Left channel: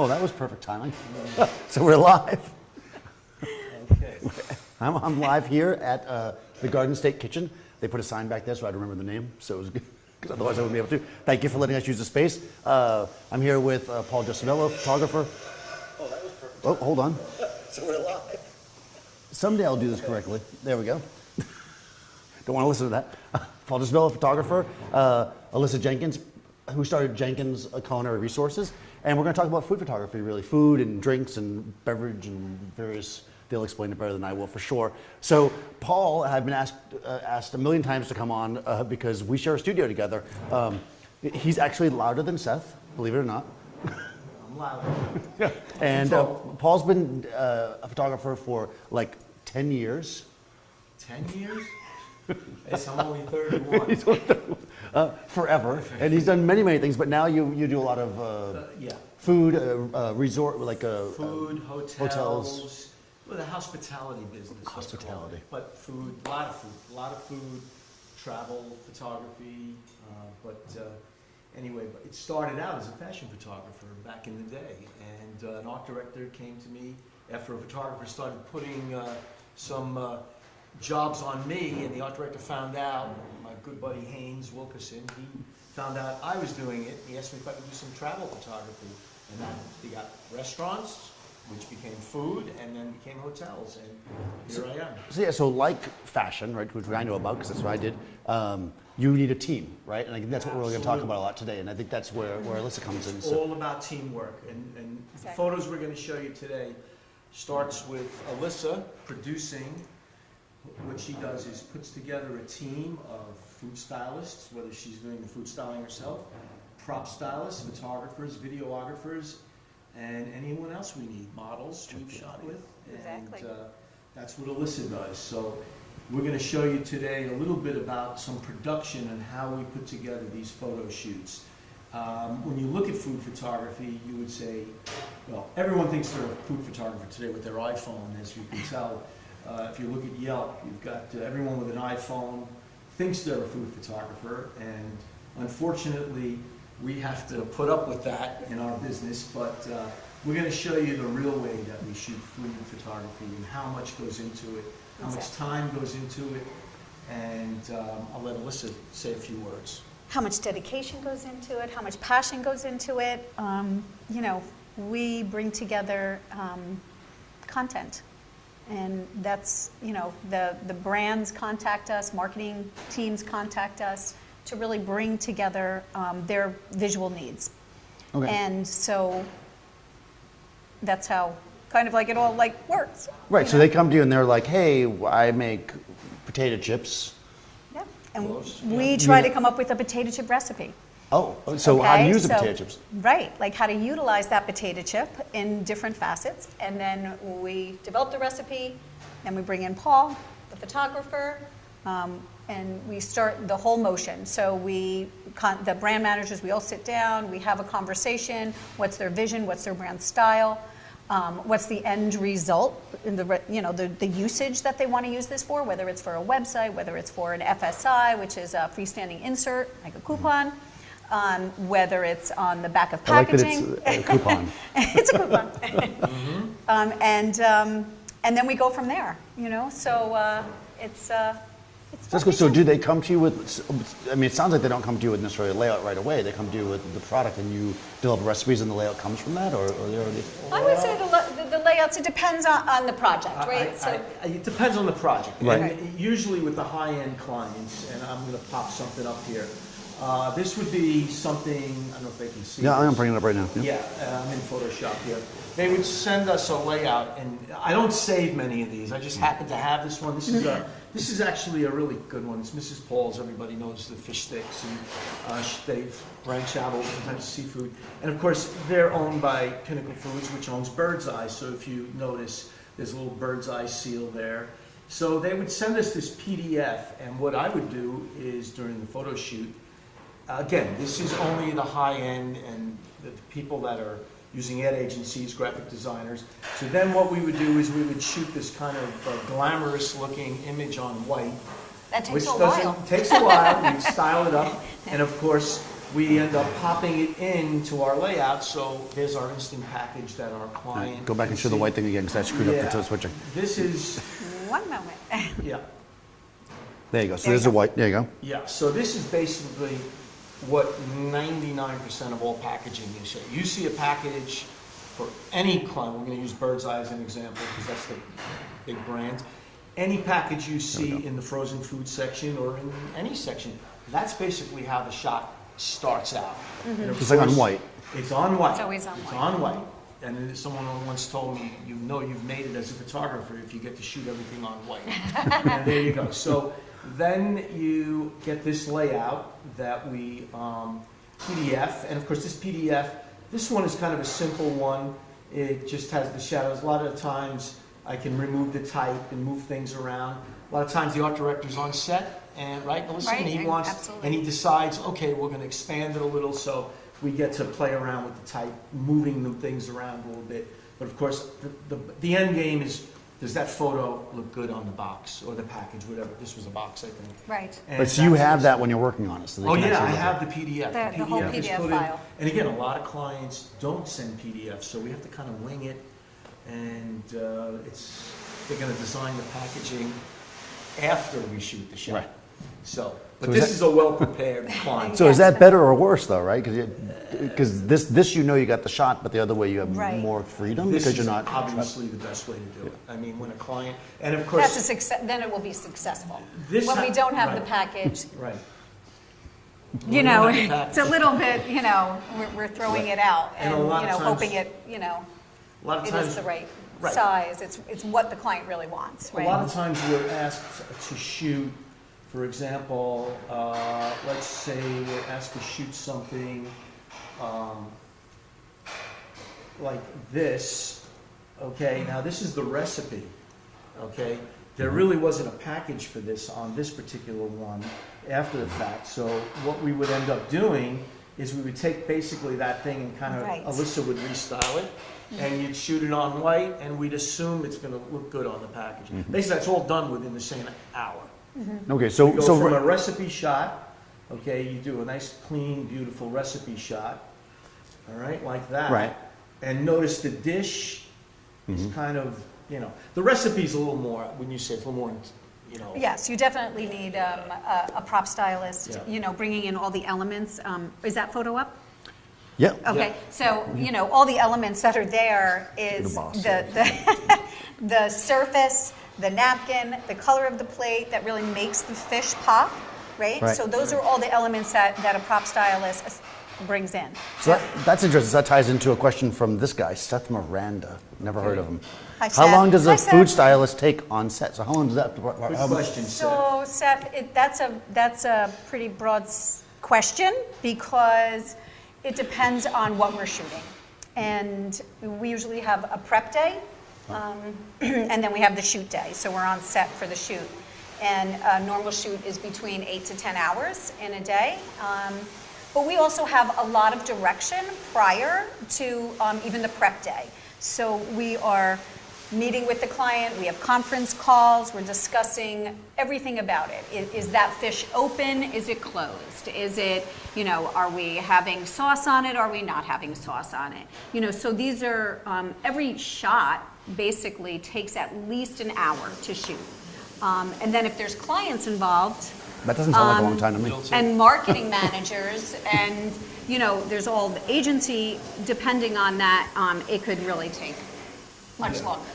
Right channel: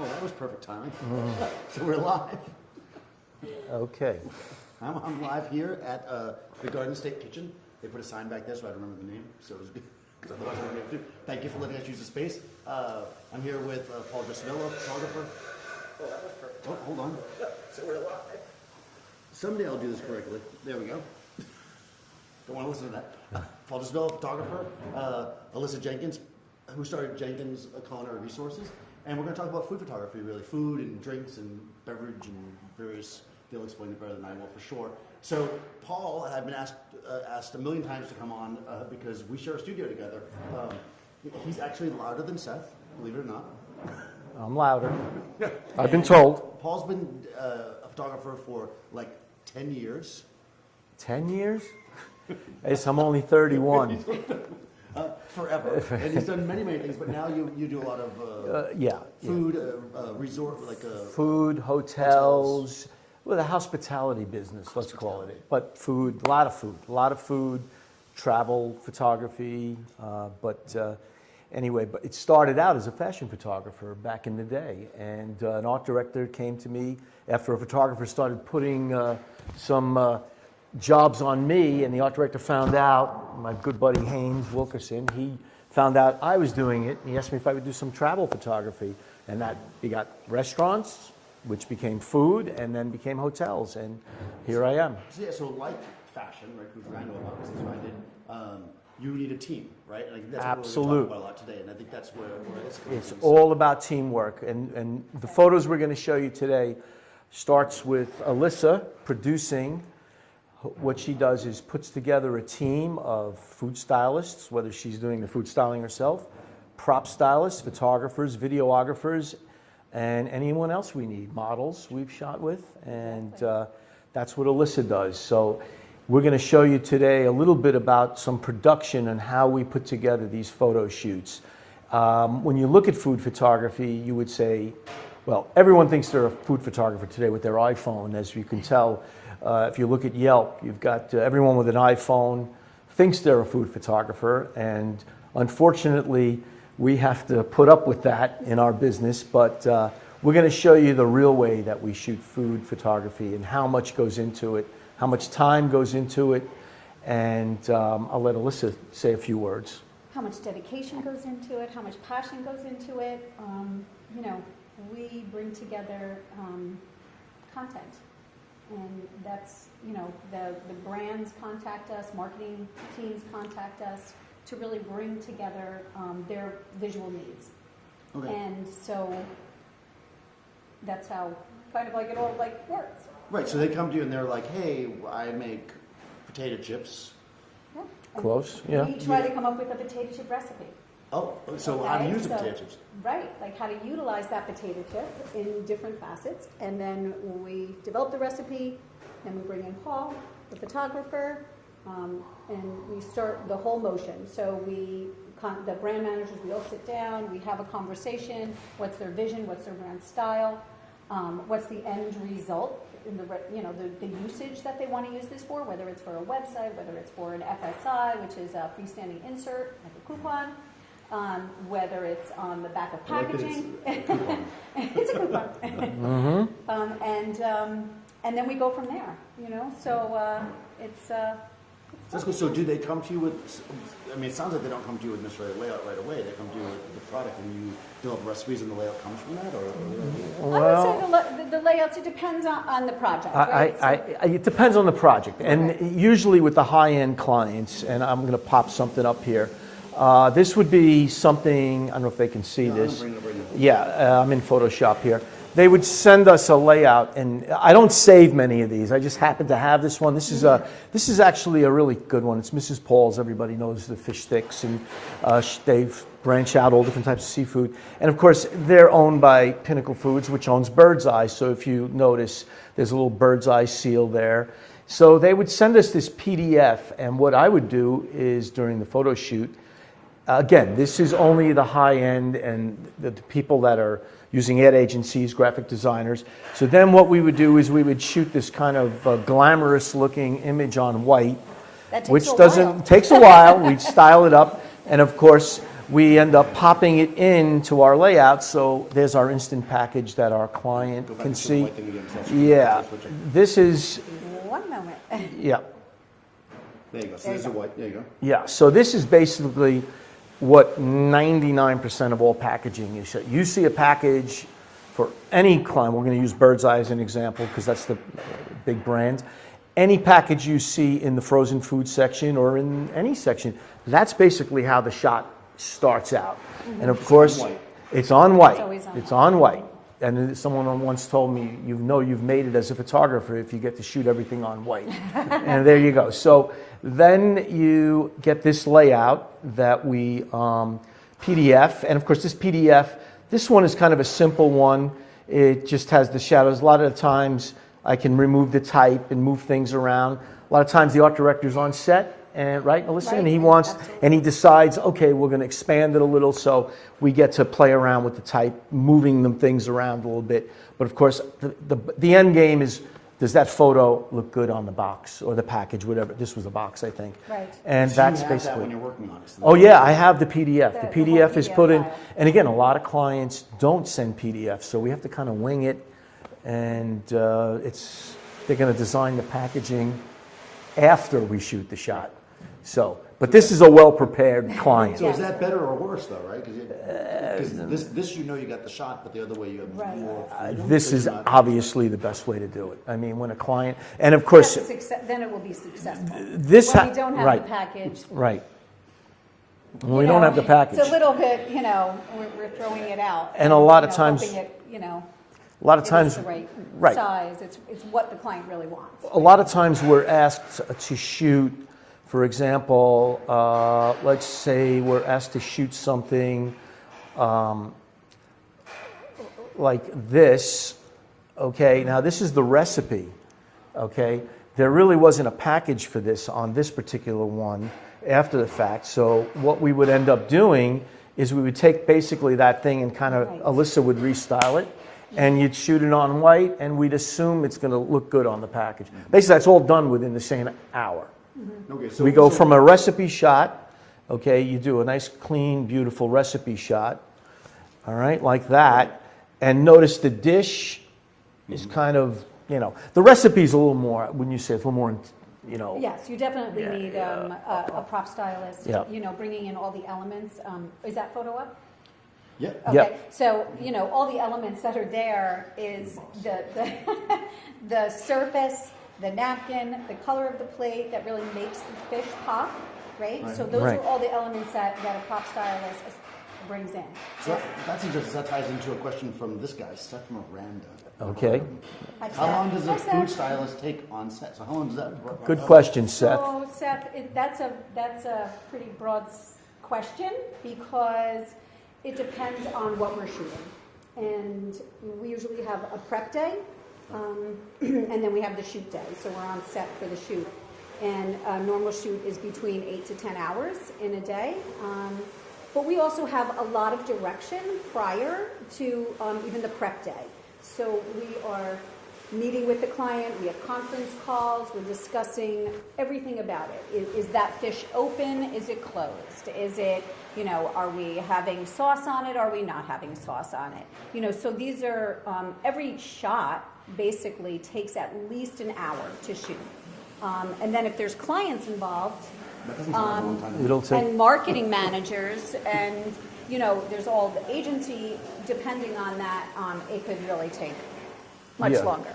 Oh, that was perfect timing. So we're live. Okay. I'm live here at the Garden State Kitchen. They put a sign back there so I'd remember the name, so it was good, because otherwise I wouldn't be able to. Thank you for letting us use the space. I'm here with Paul Gelsobello, photographer. Oh, that was perfect. Oh, hold on. So we're live. Someday I'll do this correctly. There we go. Don't want to listen to that. Paul Gelsobello, photographer. Alyssa Jenkins, who started Jenkins Culinary Resources. And we're going to talk about food photography, really. Food and drinks and beverage and various, they'll explain it better than I will for sure. So Paul, I've been asked a million times to come on because we share a studio together. He's actually louder than Seth, believe it or not. I'm louder. I've been told. Paul's been a photographer for like 10 years. 10 years? I'm only 31. Forever, and he's done many things. But now you do a lot of food, resort, like food, hotels. Well, the hospitality business, let's call it. But food, a lot of food, travel, photography. Anyway, but it started out as a fashion photographer back in the day, and an art director came to me after a photographer started putting some jobs on me, and the art director found out, my good buddy Haynes Wilkerson, he found out I was doing it, and he asked me if I would do some travel photography, and that we got restaurants, which became food, and then became hotels, and here I am. So like fashion, right, which I know about because that's what I did, you need a team, right? And I think that's what we're going to talk about a lot today, and I think that's where Alyssa comes in. It's all about teamwork, and the photos we're going to show you today starts with Alyssa producing. What she does is puts together a team of food stylists, whether she's doing the food styling herself, prop stylists, photographers, videographers, and anyone else we need, models we've shot with, and that's what Alyssa does. So we're going to show you today a little bit about some production and how we put together these photo shoots. When you look at food photography, you would say, well, everyone thinks they're a food photographer today with their iPhone, as you can tell. If you look at Yelp, you've got everyone with an iPhone thinks they're a food photographer, and unfortunately, we have to put up with that in our business, but we're going to show you the real way that we shoot food photography and how much goes into it, how much time goes into it, and I'll let Alyssa say a few words. How much dedication goes into it, how much passion goes into it. We bring together content. And that's, the brands contact us, marketing teams contact us to really bring together their visual needs. Okay. And so that's how kind of like it all works. Right, so they come to you and they're like, hey, I make potato chips. Yeah. And close. We try to come up with a potato chip recipe. Oh, so how to use the potato chips. Right, like how to utilize that potato chip in different facets. And then we develop the recipe, and we bring in Paul, the photographer, and we start the whole motion. So the brand managers, we all sit down, we have a conversation. What's their vision? What's their brand style? What's the end result? In the usage that they want to use this for, whether it's for a website, whether it's for an FSI, which is a freestanding insert, like a coupon. Whether it's on the back of packaging. I like that it's a coupon. It's a coupon. And then we go from there, so it's So do they come to you with, it sounds like they don't come to you with necessarily a layout right away. They come to you with the product and you develop recipes and the layout comes from that, or they already? I would say the layouts, it depends on the project, right? It depends on the project. Right. And usually with the high-end clients, and I'm going to pop something up here, this would be something, I don't know if they can see this. I'm bringing it up right now. Yeah, I'm in Photoshop here. They would send us a layout, and I don't save many of these. I just happen to have this one. This is actually a really good one. It's Mrs. Paul's. Everybody knows the fish sticks, and they've branched out all different types of seafood. And of course, they're owned by Pinnacle Foods, which owns Bird's Eye. So if you notice, there's a little Bird's Eye seal there. So they would send us this PDF, and what I would do is during the photo shoot, again, this is only the high end and the people that are using ad agencies, graphic designers. So then what we would do is we would shoot this kind of glamorous looking image on white. That takes which a doesn't while. takes a while. We'd style it up. And of course, we end up popping it into our layout. So there's our instant package that our client Go back can and show see. the white thing again, because I screwed up Yeah, the switcher. this is, One moment. yeah. There you go. So There you there's a go. white. There you go. Yeah, so this is basically what 99% of all packaging is. So you see a package for any client, we're going to use Bird's Eye as an example because that's the big brand. Any package you see in the frozen food section or in any section, that's basically how the shot starts out. And of It's like on course, white. it's on white. It's always on It's white. on white. And then someone once told me, you know you've made it as a photographer if you get to shoot everything on white. And there you go. So then you get this layout that we PDF. And of course, this PDF, this one is kind of a simple one. It just has the shadows. A lot of the times I can remove the type and move things around. A lot of times the art director's on set, and right, Alyssa? Right, And he wants, absolutely. and he decides, okay, we're going to expand it a little, so we get to play around with the type, moving them things around a little bit. But of course, the end game is, does that photo look good on the box or the package, whatever? This was a box, I think. Right. And So you that's have that basically- when you're working on it. So they Oh can yeah, actually I look have at the PDF. The The whole PDF is PDF put in, file. and again, a lot of clients don't send PDFs, so we have to kind of wing it, and they're going to design the packaging after we shoot the shot. So, but this is a well-prepared client. So is that better or worse though, right? Because this you know you got the shot, but the other way you have Right. more freedom. This because is you're not- obviously the best way to do it. I mean, when a client, and of course, That's a success, then it will be successful. This When ha- we don't have right. the package, right. When you we know, don't have the package. it's a little bit, you know, we're throwing it out. And a lot you of know, times- hoping it, you know, A lot of it is times, the right right. size. It's what the client really wants. A lot of times we're asked to shoot, for example, let's say we're asked to shoot something like this, okay? Now this is the recipe, okay? There really wasn't a package for this on this particular one after the fact, so what we would end up doing is we would take basically that thing and kind of, Right. Alyssa would restyle it, and you'd shoot it on white, and we'd assume it's going to look good on the package. Basically, that's all done within the same hour. Okay, so We go so from a recipe shot, okay, you do a nice, clean, beautiful recipe shot, all right, like that. Right. And notice the dish is kind of, you know, the recipe's a little more, when you say it's a little more, you know. Yes, you definitely need a prop stylist, Yeah. you know, bringing in all the elements. Is that photo up? Yeah. Okay, so, you know, all the elements that are there is boss. the surface, the napkin, the color of the plate that really makes the fish pop, right? Right, So those right. are all the elements that a prop stylist brings in. So that's interesting. That ties into a question from this guy, Seth Miranda. Never heard Okay. of him. Hi, How Seth. long does Hi, a Seth. food stylist take on set? So how long does that? Good question, Seth. So Seth, that's a pretty broad question because it depends on what we're shooting. And we usually have a prep day, and then we have the shoot day. So we're on set for the shoot. And a normal shoot is between 8 to 10 hours in a day. But we also have a lot of direction prior to even the prep day. So we are meeting with the client, we have conference calls, we're discussing everything about it. Is that fish open? Is it closed? Is it, you know, are we having sauce on it? Are we not having sauce on it? You know, so these are, every shot basically takes at least an hour to shoot. And then if there's clients involved, That doesn't sound like a long time to me. Middle take. and marketing managers, and, you know, there's all the agency, depending on that, it could really take much Yeah. longer.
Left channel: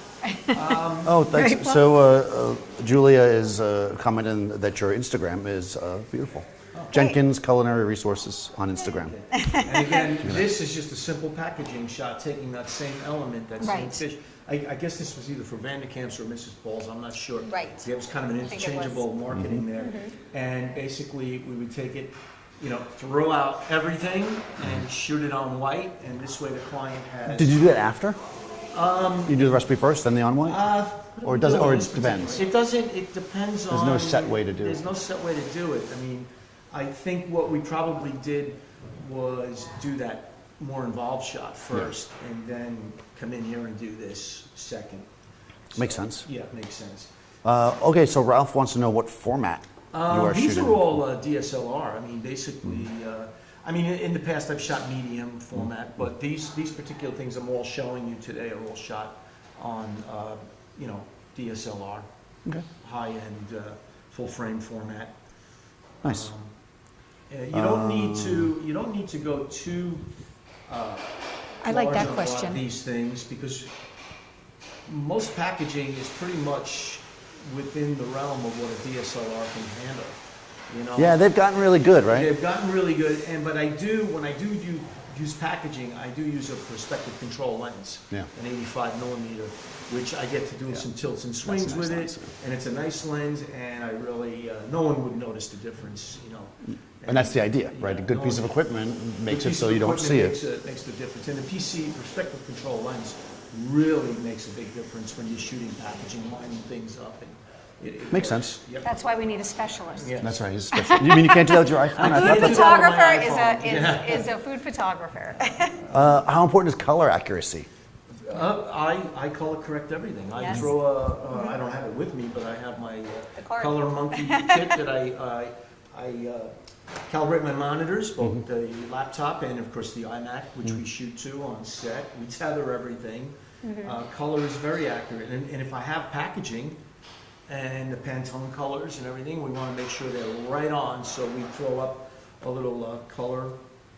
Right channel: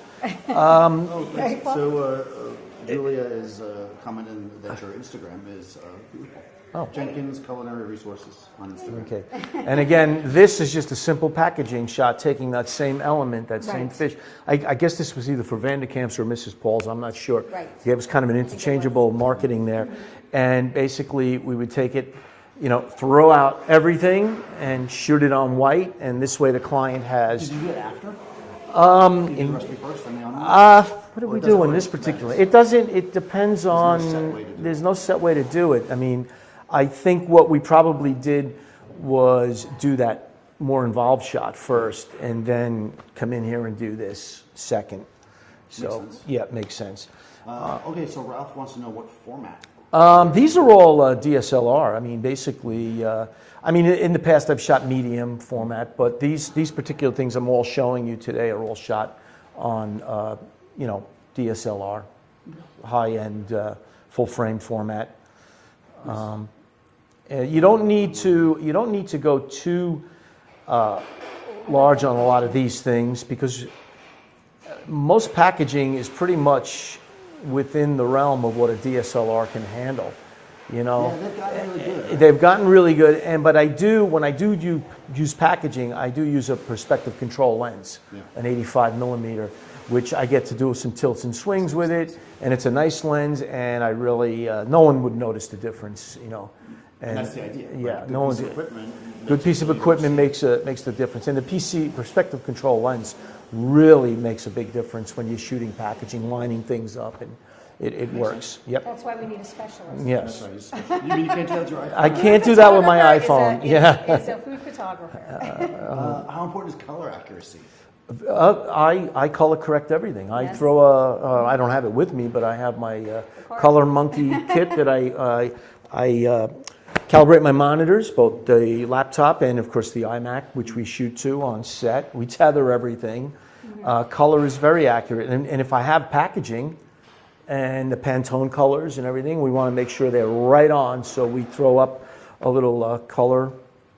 Oh, thanks. Right, Paul? So Julia is commenting that your Instagram is beautiful. Oh. Jenkins Culinary Resources on Instagram. Okay. And again, this is just a simple packaging shot, taking that same element, that same Right. fish. I guess this was either for Vanderkamp's or Mrs. Paul's, I'm not sure. Right. Yeah, it was kind of an think it interchangeable was. marketing there. And basically, we would take it, you know, throw out everything and shoot it on white, and this way the client has... Did you do that after? You do the recipe first, then the on one? What do Or we does it- do in or this it particular? depends? It doesn't, it depends no on... set way to do There's it. no set way to do it. I mean, I think what we probably did was do that more involved shot first, and then come in here and do this second. Makes So, sense. Yeah, it makes sense. Okay, so Ralph wants to know what format These are all DSLR. I mean, basically, in the past I've shot medium format, but these particular things I'm all showing you today are all shot on, DSLR, high-end, full-frame format. Nice. You don't need to go too like large that on a lot of question. these things, because most packaging is pretty much within the realm of what a DSLR can handle. Yeah, they've gotten really good, right? They've gotten really good, but when I do use packaging, I do use a perspective control lens, an 85 millimeter, which I get to do some tilts and swings with it, and it's a nice lens, and I really no one would notice the difference, And that's the idea, right? A good piece of equipment makes makes the difference, and the PC perspective control lens really makes a big difference when you're shooting packaging, lining things up, and it Makes works. sense. Yep. That's why we need a specialist. Yeah, That's right. He's special. You mean you can't do that with your iPhone? I can't do that with my Photographer iPhone. is a food photographer. How important is color accuracy? I color correct everything. I Yes. throw I don't have it with me, but I have my card. Color Monkey kit that I calibrate my monitors, both the laptop and of course the iMac, which we shoot to on set. We tether everything. Color is very accurate, and if I have packaging and the Pantone colors and everything, we want to make sure they're right on. So we throw up a little color,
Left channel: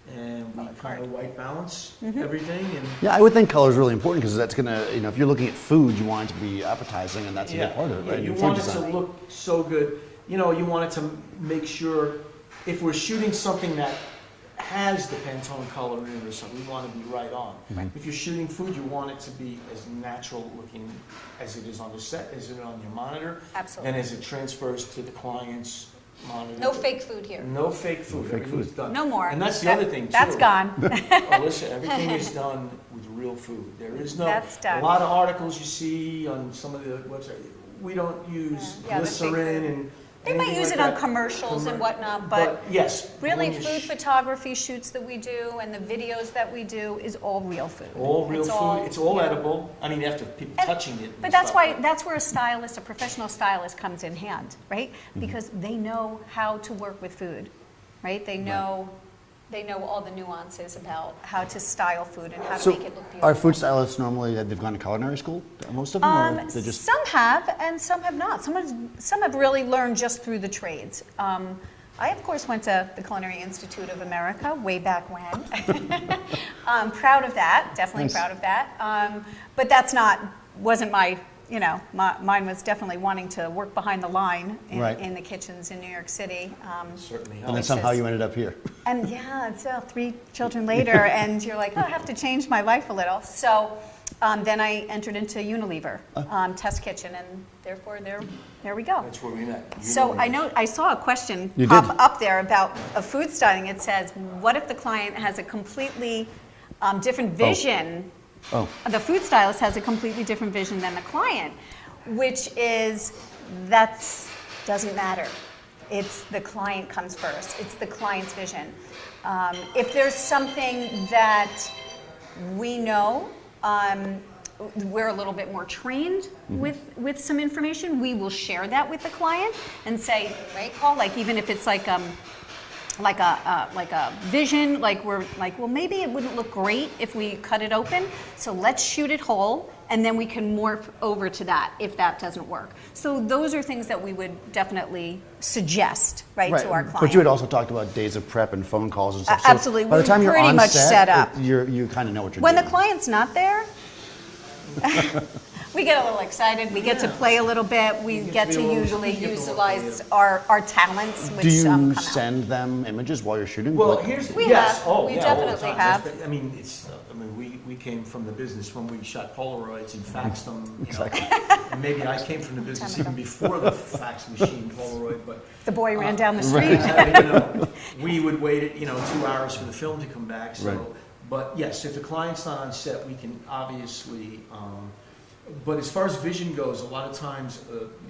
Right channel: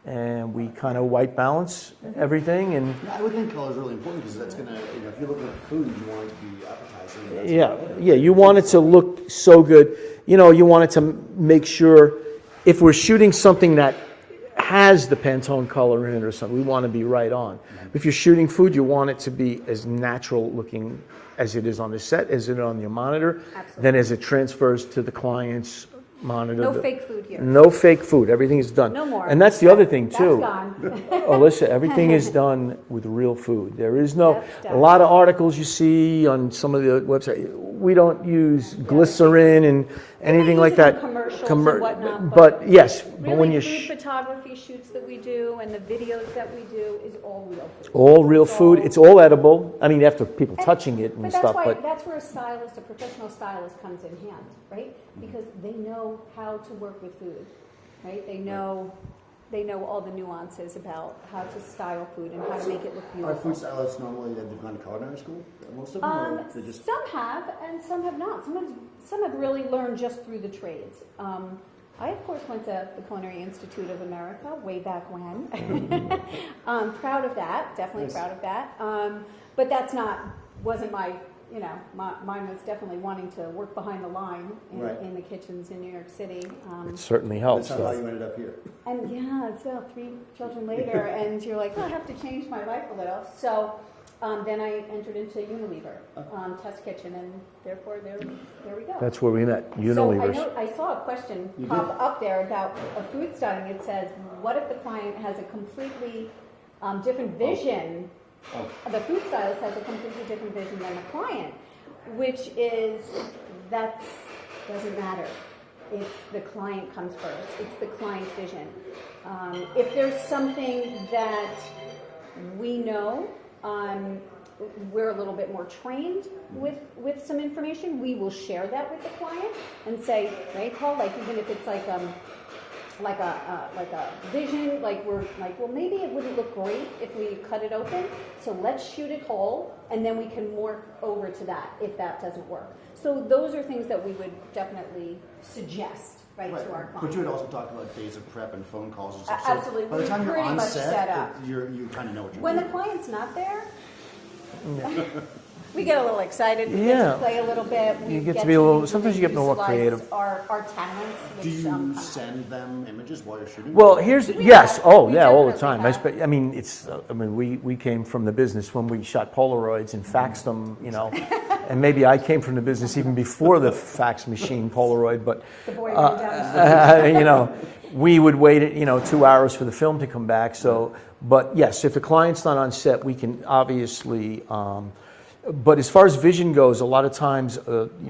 and we kind of white balance everything. And Yeah, I would think color is really important because that's going to, if you're looking at food, you want it to be appetizing, and that's a part of it. yeah, right? you Food want it to design. look so good. You want it to make sure, if we're shooting something that has the Pantone color in it or something, we want to be right on. If you're shooting food, you want it to be as natural looking as it is on the set, as it is on your monitor. Absolutely. Then as it transfers to the client's monitor. No fake food here. No fake food. Everything is done. No more. And that's the other thing, too. That's gone. Alyssa, everything is done with real food. There is no, That's done. a lot of articles you see on some of the websites, we don't use glycerin and anything use like it on that. commercials and whatnot, But yes, when Really, you food photography shoots that we do and the videos that we do is all real food. all real It's food, all- it's all edible. I mean, after people touching it and But stuff. that's where a professional stylist comes in hand, right? Because they know how to work with food, right? They know all the nuances about how to style food and how to So make it look beautiful. are food stylists normally, they've gone to culinary school? Most of them? Or they just, Some have, and some have not. Some have really learned just through the trades. I, of course, went to the Culinary Institute of America way back when. I'm proud of that, definitely Nice. proud of that. But wasn't my, mine was definitely wanting to work behind the line Right. in the kitchens in New York City. It certainly and helps. that's how you ended up here. And yeah, so 3 children later, and you're like, oh, I have to change my life a little. So then I entered into Unilever Test Kitchen, and therefore there we go. That's where we met. So Unilever. I saw a question You pop did. up there about a food styling. It says, what if the client has a completely different vision? Oh. The food stylist has a completely different vision than the client, which is, doesn't matter. It's the client comes first. It's the client's vision. If there's something that we know, we're a little bit more trained with some information, we will share that with the client and say, right, Paul, like even if it's like a vision, we're like, well, maybe it wouldn't look great if we cut it open, so let's shoot it whole, and then we can morph over to that if that doesn't work. So those are things that we would definitely suggest, right, to our client. But you had also talked about days of prep and phone calls and stuff. So Absolutely. by the We're time you're pretty on much set, set up. You kind of know what you're When doing. the client's not there, we get a little excited. We get to Yeah. play a little bit. We You get get to be to a little- usually sometimes you get more utilize creative. our talents, which Do you come out. send them images while you're shooting? Well, Or- here's We yes, have. oh We yeah, all the definitely time. have. I mean, it's. We came from the business when we shot Polaroids and faxed them, and maybe I came from the business even before the fax machine Polaroid. But The boy ran down the street. we would wait 2 hours for the film to come back. So, but yes, if the client's not on set, we can obviously. But as far as vision goes, a lot of times,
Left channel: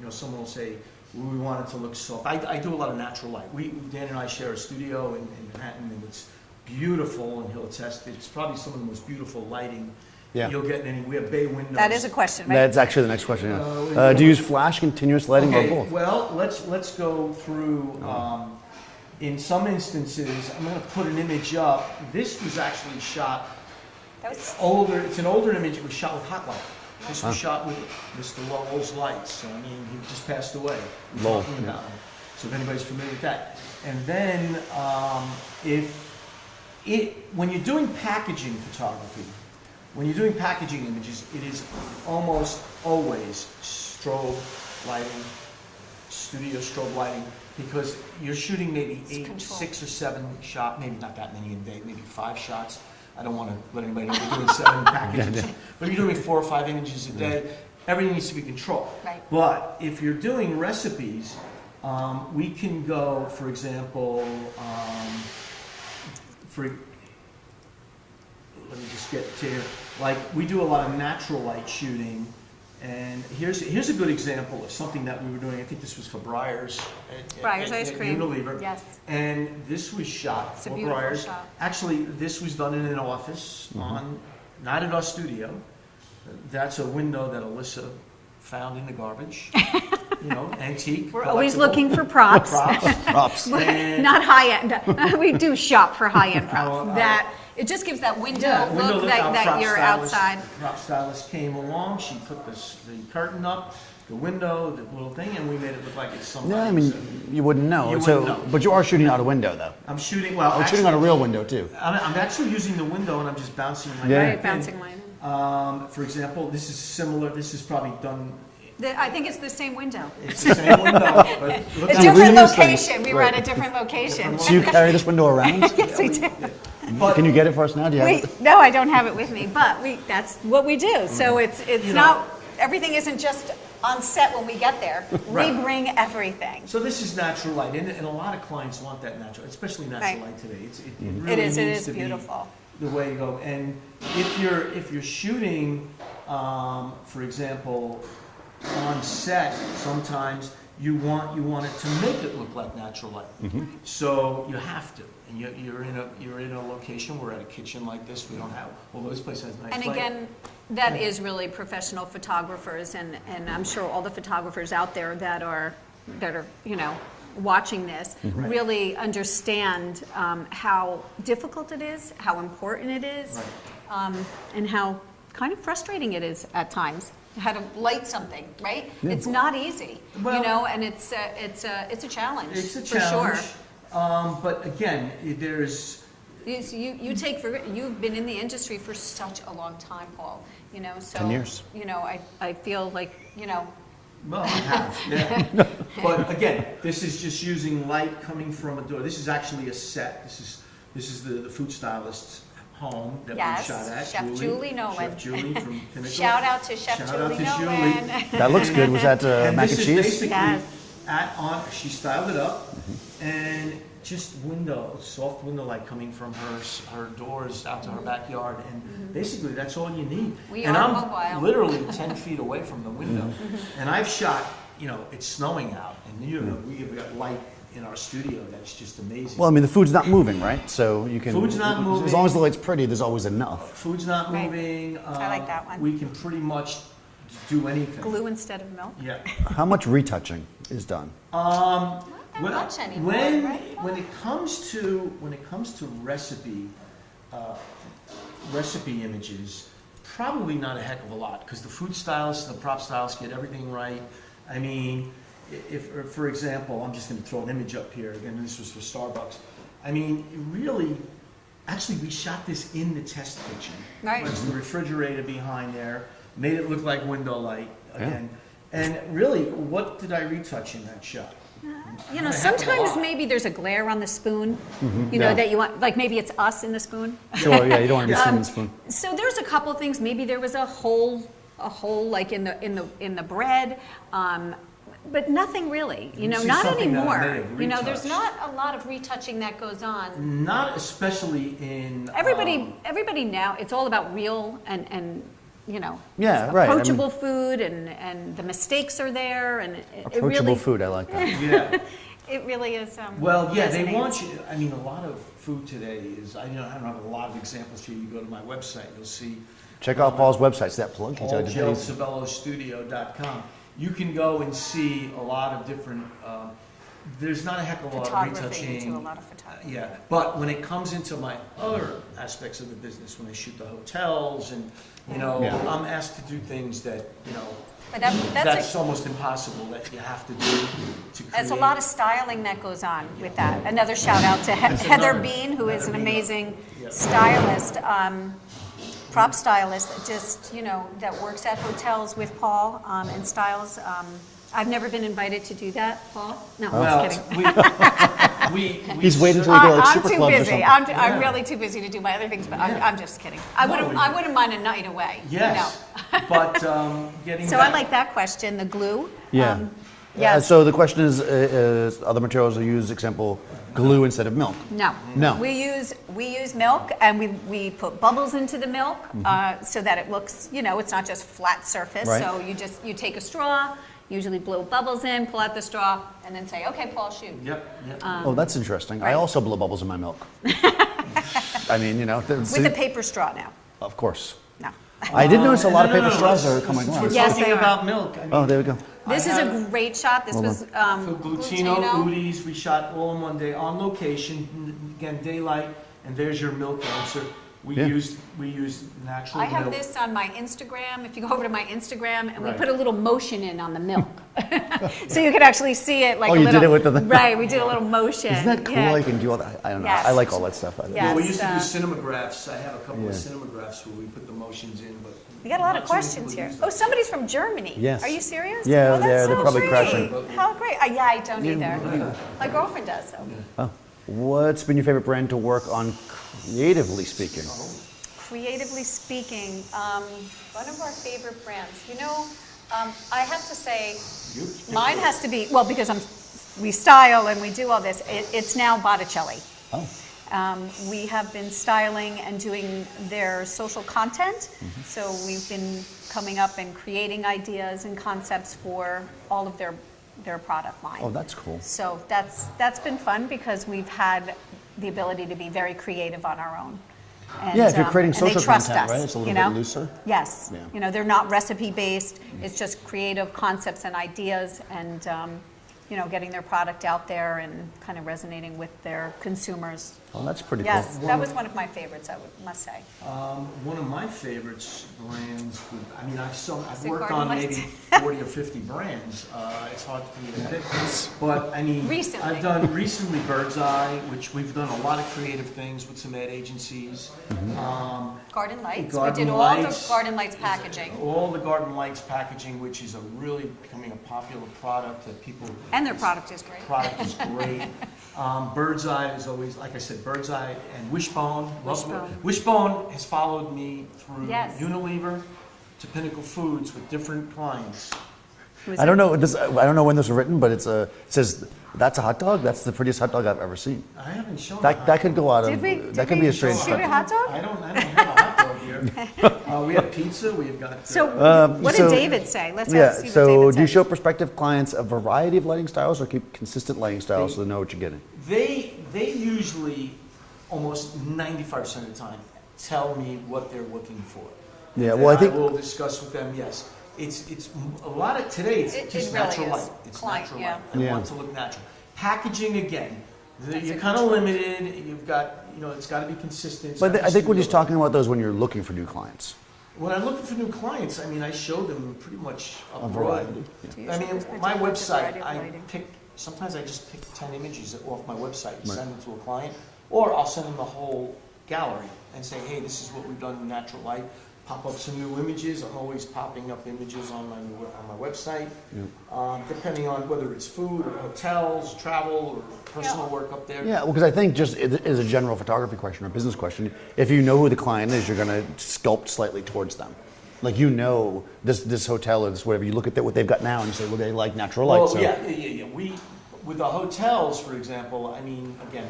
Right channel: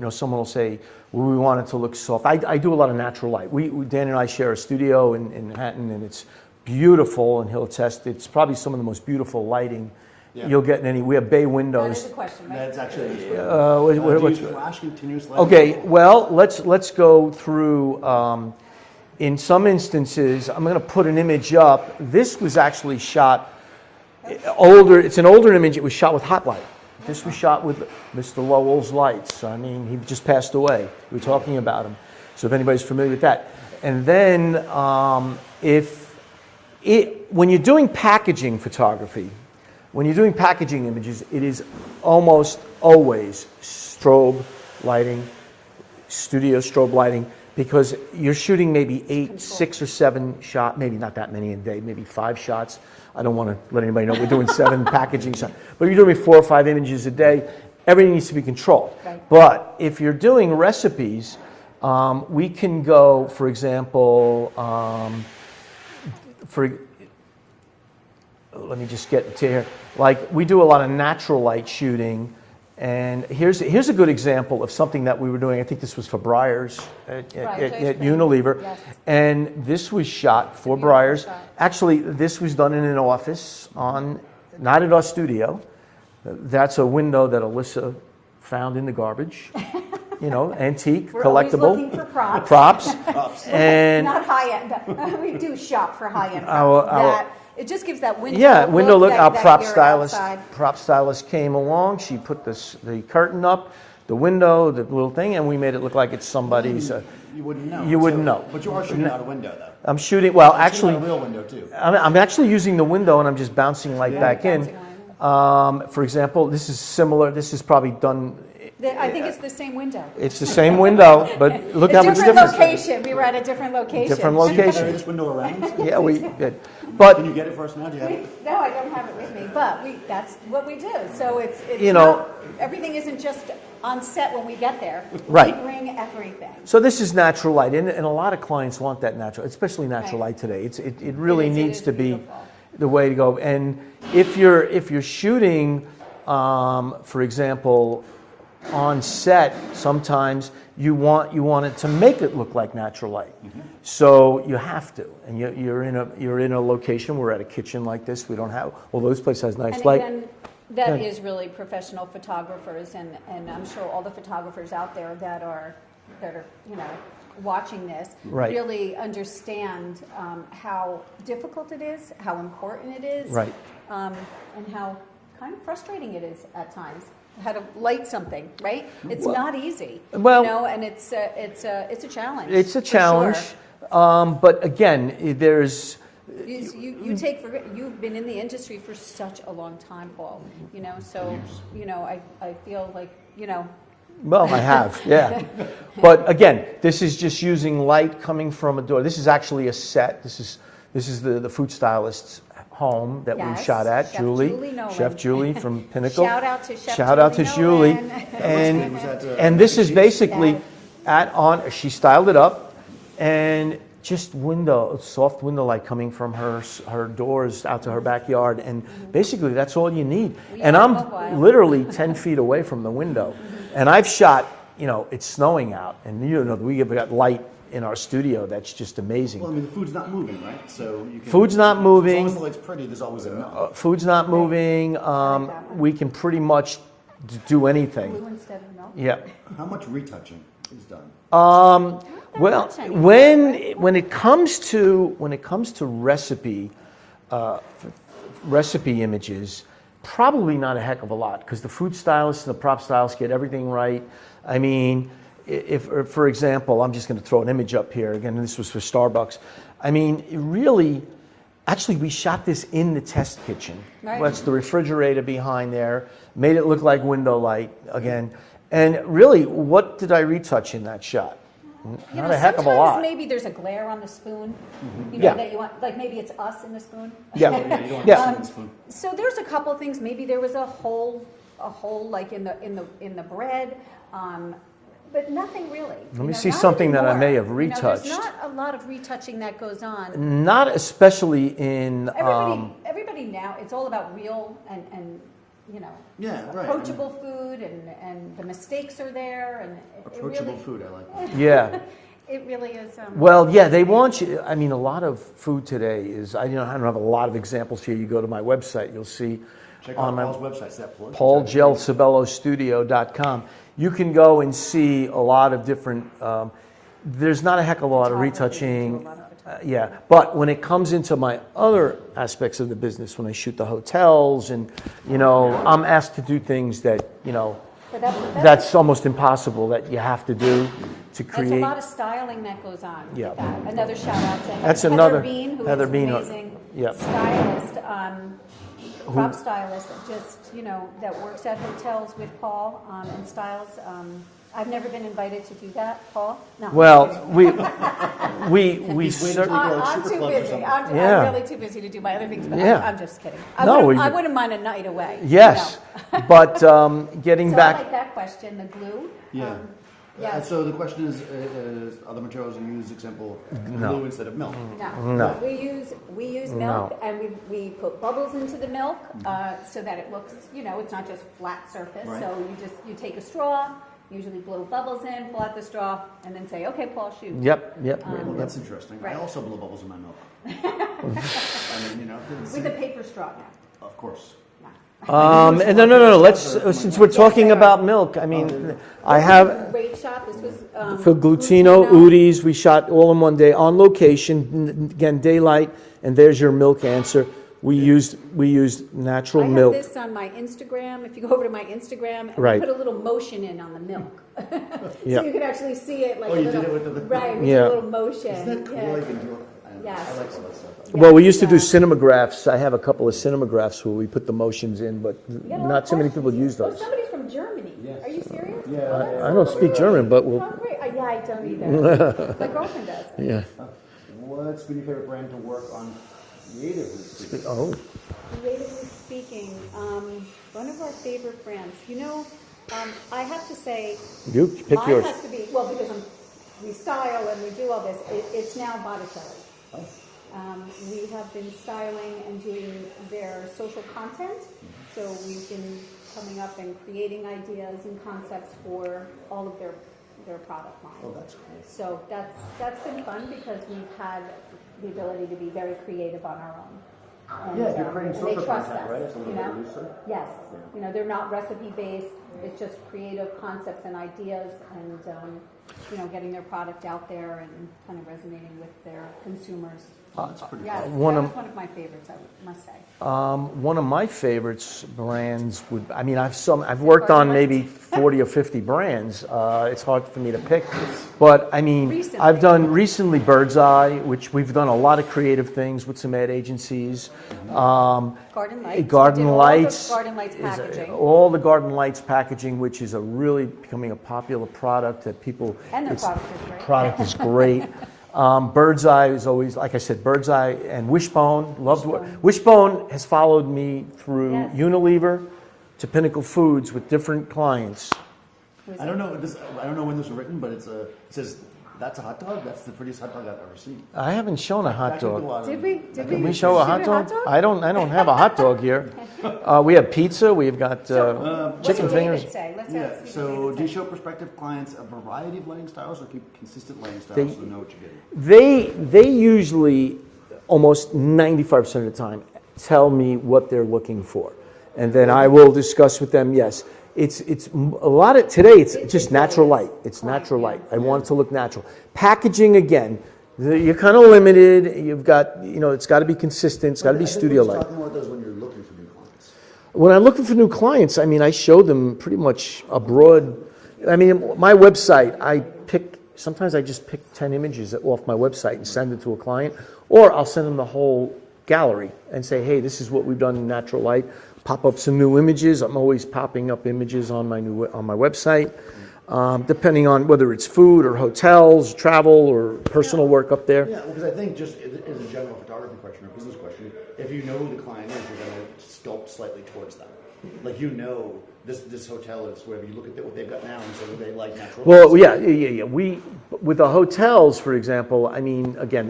someone will say, well, we want it to look soft. I do a lot of natural light. Dan and I share a studio in Manhattan, and it's beautiful, and he'll attest. It's probably some of the most beautiful lighting Yeah. you'll get any. We have bay windows. That is a question, right? That's actually the next question. what Do you use about- flash, continuous lighting? Okay, or both? well, let's go through. In some instances, I'm going to put an image up. This was actually shot older. It's an older image. It was shot with hot light. This was shot with Mr. Lowell's lights. I mean, he just passed away. We're talking about him. So if anybody's familiar with that. And then when you're doing packaging photography, when you're doing packaging images, it is almost always strobe lighting, studio strobe lighting, because you're shooting maybe 6 or 7 shots, maybe not that many a day, maybe 5 shots. I don't want to let anybody know we're doing 7 packaging shots, but you're doing 4 or 5 images a day. Everything needs to be controlled. Right. But if you're doing recipes, we can go, for example, let me just get to here. Like, we do a lot of natural light shooting, and here's a good example of something that we were doing. I think this was for Breyers Breyers ice at cream. Unilever. Yes. And this was shot for beautiful Breyers. shot. Actually, this was done in an office, not in our studio. That's a window that Alyssa found in the garbage. Antique, We're collectible. always looking for props. Props. And Not high-end. We do shop for high-end props. It just gives that window window look. Our that prop you're stylist, outside. came along. She put the curtain up, the window, the little thing, and we made it look like it's I somebody's. mean, you wouldn't know. You wouldn't know. But you are shooting out a window, though. I'm shooting. Well, You're shooting actually, on a real window, too. I'm actually using the window, and I'm just bouncing light Right, back in. bouncing light in. For example, this is similar. This is probably done. I think it's the same window. It's the same window, but look A how different different location. We were at a different location. Different Do you location. carry this window around? Yeah, we do. did. But Can you get it for us now? Do you have it? No, I don't have it with me, but that's what we do. So it's You not, know- everything isn't just on set when we get there. Right. We bring everything. So this is natural light, and a lot of clients want that natural, especially natural Right. light today. It really It needs is to be beautiful. the way to go. And if you're shooting, for example, on set, sometimes you want it to make it look like natural light. So you have to, and you're in a location. We're at a kitchen like this. We don't have, although this place has nice And light. again, that is really professional photographers, and I'm sure all the photographers out there that are watching this Right. really understand how difficult it is, how important it is, Right. And how kind of frustrating it is at times. How to light something, right? It's not easy, Well- and it's a challenge. It's a for challenge, sure. but again, there's. You've been in the industry for such a long time, Paul. So 10 years. I feel like Well, I have, yeah. But again, this is just using light coming from a door. This is actually a set. This is the food stylist's home that we Yes, shot at. Chef Julie Nolan. Chef Julie from Pinnacle. Shout out to Chef Shout out to Julie Julie. Nolan. That looks good. Was that And mac this is cheese? basically Yes. she styled it up, and just soft window light coming from her doors out to her backyard, and basically that's all you need. We And are I'm mobile. literally 10 feet away from the window, and I've shot. It's snowing out, and we have got light in our studio that's just amazing. Well, I mean, the food's not moving, right? So you can. Food's not moving. As long as the light's pretty, there's always enough. Food's not moving. I like that one. We can pretty much do anything. glue instead of milk. Yeah. How much retouching is done? Not that Well, much anymore, right? when it comes to recipe images, probably not a heck of a lot, because the food stylists and the prop stylists get everything right. I mean, if for example, I'm just going to throw an image up here again. This was for Starbucks. I mean, actually, we shot this in the test kitchen. Right. That's the refrigerator behind there. Made it look like window light again. And really, what did I retouch in that shot? Not a heck of a lot. Sometimes maybe there's a glare on the spoon, Yeah. that you want, like maybe it's us in the spoon. Yeah. Sure, yeah, you don't want to Yeah. miss in the spoon. So there's a couple of things. Maybe there was a hole like in the bread, but nothing really. Let me see not something that I anymore. may have There's retouched. not a lot of retouching that goes on. Not especially in. Everybody now, it's all about real and Yeah, right. I mean- approachable food, and the mistakes are there, and it Approachable really, food, I like that. Yeah. It really is. Well, yeah, they fascinating. want you. I mean, a lot of food today is. I don't have a lot of examples here. You go to my website, you'll see Check out Paul's website. Is that plug? PaulGelsobelloStudio.com. You can go and see a lot of different. There's not a heck of a lot of Photography, retouching. do a lot of photography. Yeah, but when it comes into my other aspects of the business, when I shoot the hotels, and I'm asked to do things that But that's almost impossible that you have to do to create. There's a lot of styling that goes on Yeah. with that. Another shout out to That's Heather another- Bean, who Heather is an Bean, amazing yeah. stylist, prop stylist that just, that works at hotels with Paul and styles. I've never been invited to do that, Paul. No, Well, I'm just kidding. we He's waiting cer- until we go like I'm super too clubs or busy. something. I'm really too busy to do my other things, but Yeah. I'm just kidding. I No, wouldn't mind a night away. Yes, but getting So back. I like that question, the glue. Yeah. Yes. So the question is other materials are used, example, glue instead of milk. No. No. We use milk, and we put bubbles into the milk so that it looks, it's not just flat surface. Right. So you take a straw, usually blow bubbles in, pull out the straw, and then say, okay, Paul, shoot. Yep. Oh, that's interesting. I Right. also blow bubbles in my milk. I mean, With a paper straw now. of course. No. I did notice a lot of no. paper Let's straws are since coming we're along. Yes, talking they are. about milk. I mean, Oh, there we go. I This have is a great shot. This was for glutino, udis. We shot all in one day on location. Again, daylight, and there's your milk answer. We used natural I have milk. this on my Instagram. If you go over to my Instagram, and Right. we put a little motion in on the milk, so you can actually see it like Oh, a you little. did it with the- right. We did Yeah. a little motion. Isn't that cool? Yeah. I can do all that. I don't know. Yes. I like all that stuff. Yeah. Well, we used to do Yes, cinemagraphs. I have a couple of cinemagraphs where we put the motions in, but We got a lot not of so many questions people here. use Oh, those. somebody's from Germany. Yes. Are you serious? Yeah, Oh, that's yeah, so I don't great. speak German, but we'll, How great. Yeah, I don't either. My girlfriend does. So. yeah. Oh. What's been your favorite brand to work on, creatively speaking? Oh, Creatively speaking, one of our favorite brands. I have to say, you pick mine yours. has to be, well, because we style and we do all this, it's now Botticelli. Oh. We have been styling and doing their social content. So we've been coming up and creating ideas and concepts for all of their product line. Oh, that's cool. So that's been fun because we've had the ability to be very creative on our own. And, Yeah, if you're creating and social they trust content, us, right? It's a little bit looser. Yes. Yeah. They're not recipe based. It's just creative concepts and ideas, and getting their product out there and kind of resonating with their consumers. Oh, that's pretty Yes, cool. that was one of my favorites. must say. One of my favorites brands would. I mean, I've it worked on Garden maybe 40 or 50 brands. It's hard for me to pick, but I mean, Recently. I've done recently Bird's Eye, which we've done a lot of creative things with some ad agencies. Garden Lights. Garden we did Lights. all the Garden Lights is packaging. all the Garden Lights packaging, which is really becoming a popular product that people. And their it's- product is great. Product is great. Bird's Eye is always, like I said, Bird's Eye and Wishbone. Wishbone has followed me through Yes. Unilever to Pinnacle Foods with different clients. I don't know. I don't know when this was written, but it says that's a hot dog. That's the prettiest hot dog I've ever seen. I haven't shown a That, hot that could dog. go out of. Did we- that did could we be a show trade a secret. hot dog? I don't have a hot dog here. We have pizza. We've got. So what so- did David say? Let's Yeah. see what So, David do you said. show prospective clients a variety of lighting styles, or keep consistent lighting styles so they know what you're getting? They usually, almost 95% of the time, tell me what they're looking for. And Yeah, then well, I I think- will discuss with them, yes. It's a lot of, today it's It just really natural is. light. It's Light, natural yeah. light. I want it to look natural. Packaging, again, you're kind of limited. You've got, it's got to be consistent. It's got But to be I think we're studio just light. talking about those when you're looking for new clients. When I'm looking for new clients, I mean, I show them pretty much a broad. I mean, my website, sometimes I just pick 10 images off my website and send it to a client, or I'll send them the whole gallery and say, hey, this is what we've done in natural light. Pop up some new images. I'm always popping up images on my website, depending on whether it's food or hotels, travel, or personal work up there. Yeah, well, because I think just as a general photography question or business question, if you know who the client is, you're going to sculpt slightly towards them. Like this hotel is whatever. You look at what they've got now and you say, well, they like natural light. Well, so- yeah. With the hotels, for example, I mean, again,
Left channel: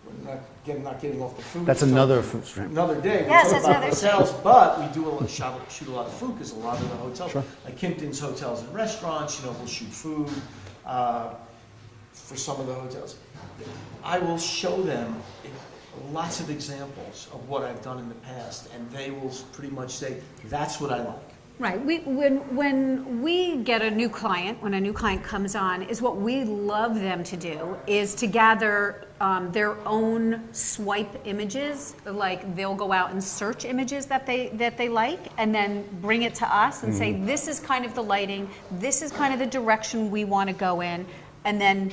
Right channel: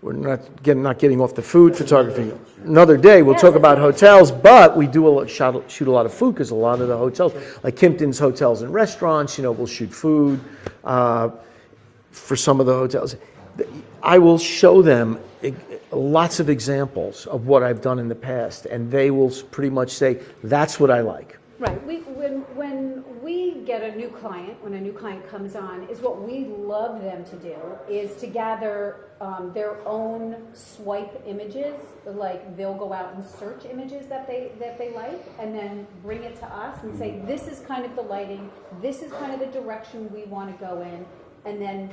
we're not getting off the food That's photography. Another day, we'll Yes, talk that's about another hotels, but we do shoot a lot of food because a lot of the hotels, like Kimpton's Hotels and Restaurants, we'll shoot food for some of the hotels. I will show them lots of examples of what I've done in the past, and they will pretty much say, that's what I like. Right. When we get a new client, when a new client comes on, is what we love them to do is to gather their own swipe images. Like they'll go out and search images that they like, and then bring it to us and say, this is kind of the lighting, this is kind of the direction we want to go in, and then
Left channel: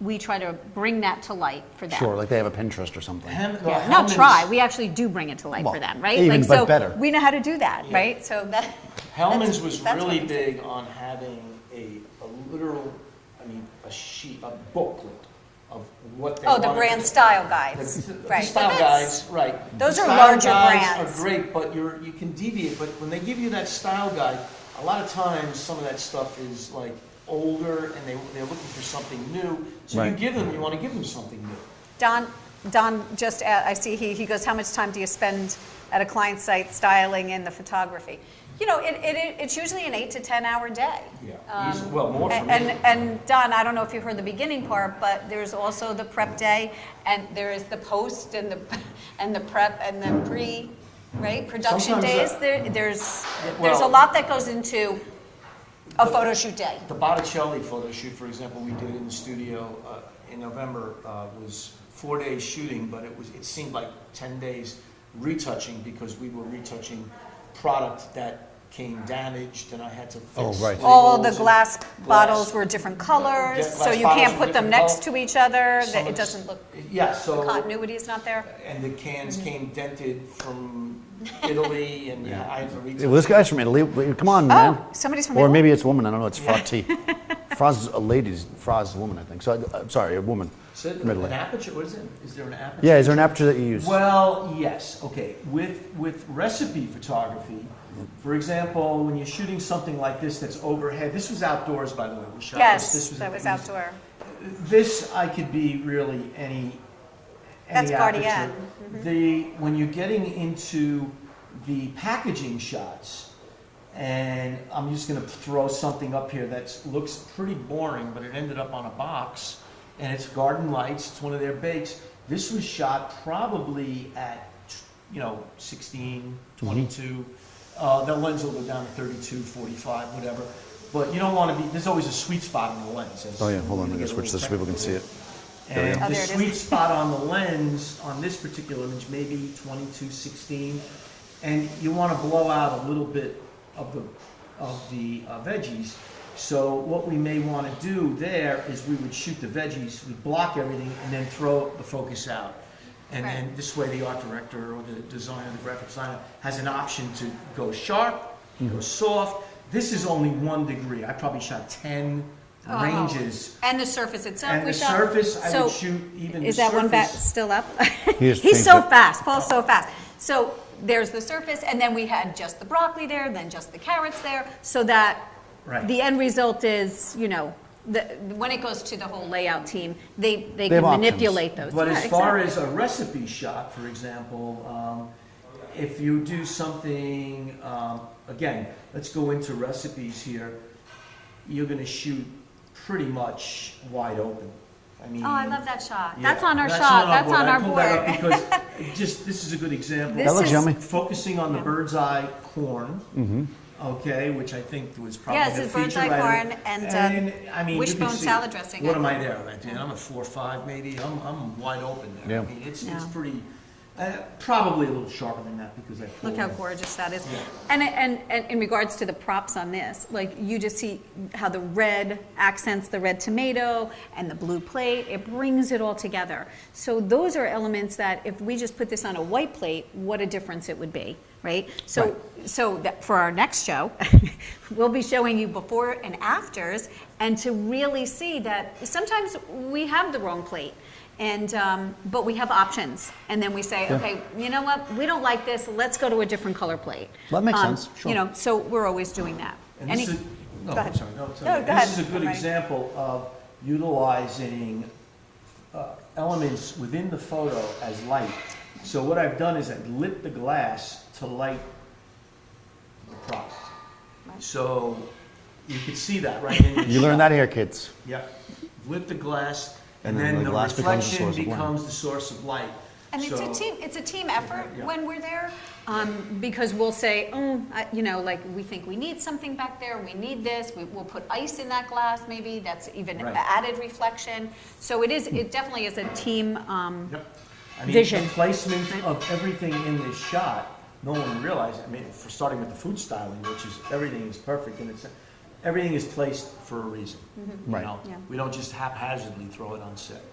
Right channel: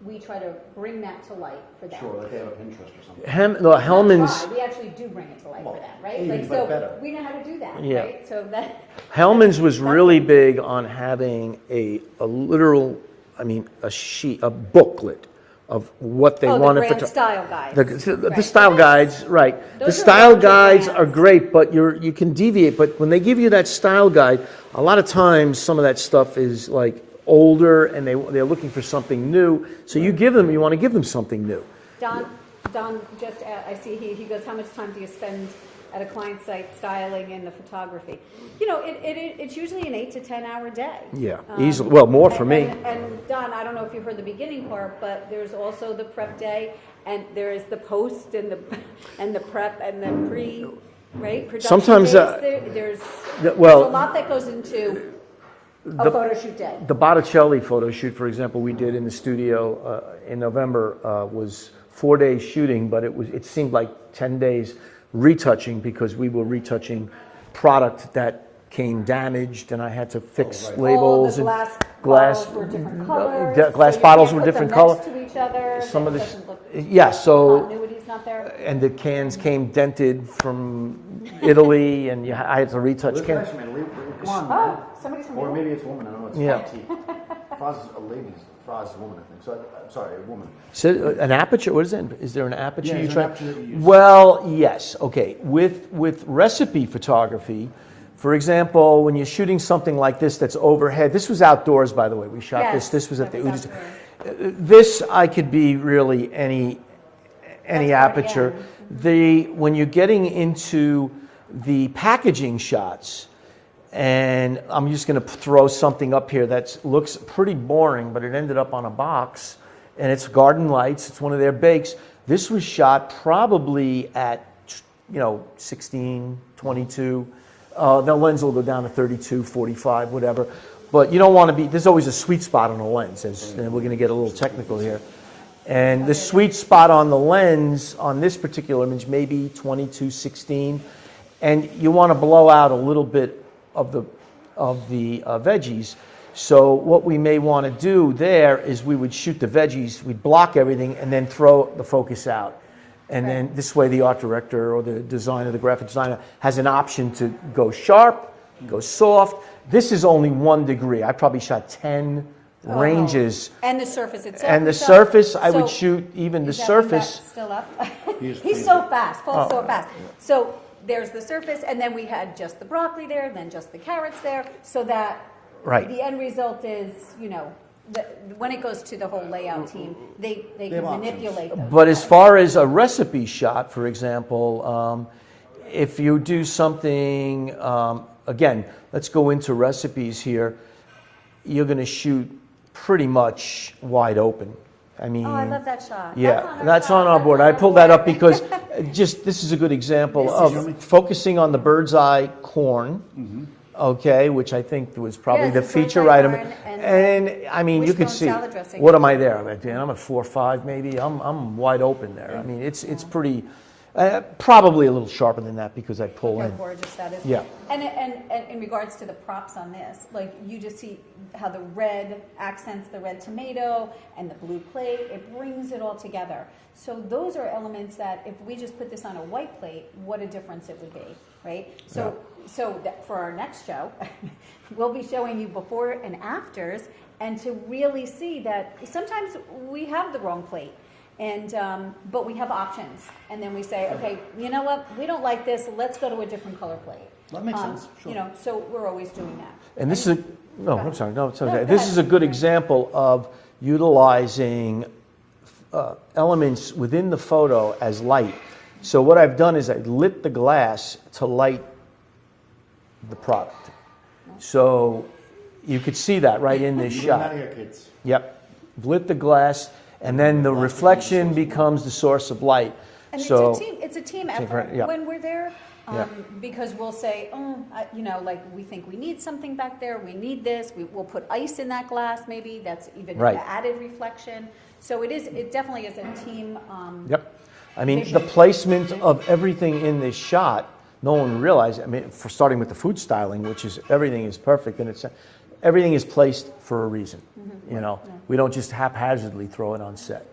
we try to bring that to light for them. Sure, like they have a Pinterest or something. Not try. We actually do bring it to light for them, right? Even, like, but so better. We know how to do that, right? So that. Hellman's was that's really what- big on having a literal, a booklet of what they Oh, the wanted. brand style guides. The Right. style But guides, right. those The are style larger guides are brands. great, but you can deviate. But when they give you that style guide, a lot of times some of that stuff is like older, and they're looking for something new. So you want to give them something new. Don just, I see he goes, how much time do you spend at a client site styling in the photography? You know, it's usually an 8 to 10 hour day. Yeah, easily. Well, more for me. And Don, I don't know if you heard the beginning part, but there's also the prep day, and there is the post and the prep and the pre, right? Production Sometimes, days. There's a lot that goes into a photo shoot day. The Botticelli photo shoot, for example, we did in the studio in November was 4 days shooting, but it seemed like 10 days retouching, because we were retouching product that came damaged, and I had to fix labels. All the glass bottles were different colors, so you can't put them next to each other. It doesn't look. Yeah, so Continuity is not there. and the cans came dented from Italy, and I had to retouch. Well, this guy's from Italy. Come on, man. Somebody's from Or Italy? maybe it's a woman. I don't know. It's Frati. Fra's a lady's. Fra's a woman, I think. So I'm sorry, a woman. So, an aperture? What is it? Is there an aperture? Yeah, is there an aperture that you use? Well, yes. Okay. With recipe photography, for example, when you're shooting something like this that's overhead, this was outdoors, by the way. We shot Yes, this. This was that was outdoor. This I could be really any That's aperture. RDN. When you're getting into the packaging shots, and I'm just going to throw something up here that looks pretty boring, but it ended up on a box, and it's Garden Lights. It's one of their bakes. This was shot probably at 16, 22. The lens will go down to 32, 45, whatever. But you don't want to be, there's always a sweet spot on the lens. We're going to get a little technical here. And the sweet spot on the lens on this particular image may be 22, 16. And you want to blow out a little bit of the veggies. So what we may want to do there is we would shoot the veggies, we'd block everything, and then throw the focus out. And then this way the art director or the designer, the graphic designer, has an option to go sharp, go soft. This is only 1 degree. I probably shot 10 ranges. And the surface itself. And the surface, I would shoot even the surface. Is that one back surface. still up? He's so fast. Paul's so fast. So there's the surface, and then we had just the broccoli there, then just the carrots there, so that the end result is, when it goes to the whole layout team, they can manipulate those. But as far as a recipe shot, for example, if you do something, again, let's go into recipes here, you're going to shoot pretty much wide open. I mean, I love that shot. Yeah, That's on our that's shot. on our That's board. on I our pulled that board. up because this is a good example This of focusing on the bird's eye corn. Okay, which I think was probably Yes, the it's bird's feature eye item. corn and, I mean, you can wishbone see. salad dressing. What am I there? I'm at 4 or 5 maybe. I'm wide open there. I mean, it's pretty. Probably a little sharper than that because I pull Look how in. gorgeous that is. Yeah. And in regards to the props on this, like you just see how the red accents the red tomato and the blue plate. It brings it all together. So those are elements that if we just put this on a white plate, what a difference it would be, right? So that for our next show, we'll be showing you before and afters, and to really see that sometimes we have the wrong plate. And but we have options, and then we say, okay, you know what? We don't like this. Let's go to a different color plate. That makes sense. Sure. So we're always doing that. And this is I'm sorry. No, it's okay. No, go This is a ahead. good Right. example of utilizing elements within the photo as light. So what I've done is I lit the glass to light the product. So you could see that right in the You shot. learned that here, kids. Yep. Lit the glass, and then the glass reflection becomes the source of light. becomes the source of light. And So- it's a team effort yeah. when we're there, Yeah. because we'll say, like we think we need something back there, we need this, we'll put ice in that glass maybe, that's even Right. added reflection. So it definitely is a team, Yep. I mean, vision. the placement of everything in this shot, no one realized. I mean, for starting with the food styling, which is everything is perfect, and everything is placed for a reason. You know, Yeah. we don't just haphazardly throw it on set.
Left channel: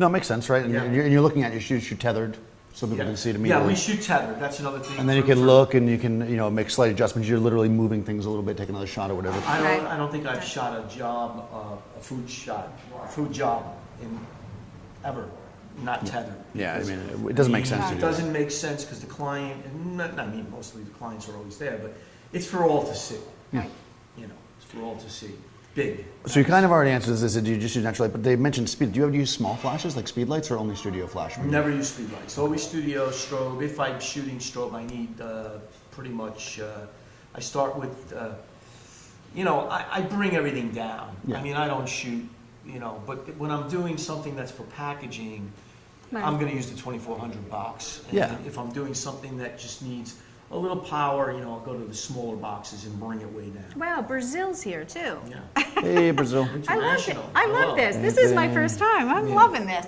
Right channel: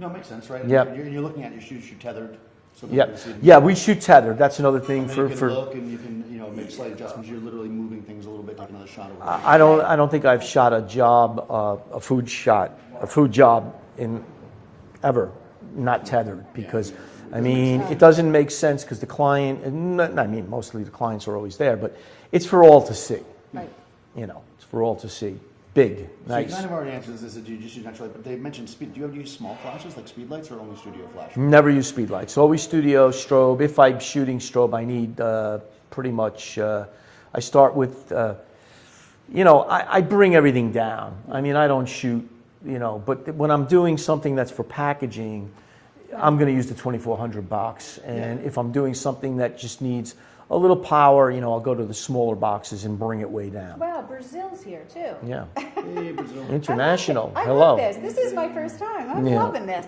No, it makes sense, right? Yeah. And you're looking at your shoes, you're tethered, so people Yeah, can see to yeah, we shoot tethered. That's another thing. And then for- you can for- look and you can, make slight adjustments. You're literally moving things a little bit, take another shot or whatever. I don't think I've shot a food job in ever not tethered. Yeah, I Because mean, it doesn't make sense to It do doesn't make sense because the client, mostly the clients are always there, but it's for all to see. Right. It's for all to see. Big. So you nice. kind of already answered this. Do you just use natural light? But they mentioned speed. Do you ever use small flashes like speed lights or only studio flash? Never use speed lights. Always studio, strobe. If I'm shooting strobe, I need pretty much, I start with, I bring everything down. I mean, I don't shoot, but when I'm doing something that's for packaging, I'm going to use the 2400 box. And Yeah. if I'm doing something that just needs a little power, I'll go to the smaller boxes and bring it way down. wow, Brazil's here too. Yeah. Hey, Brazil. International. I Hello. love this. This is my first time. I'm Yeah. loving this.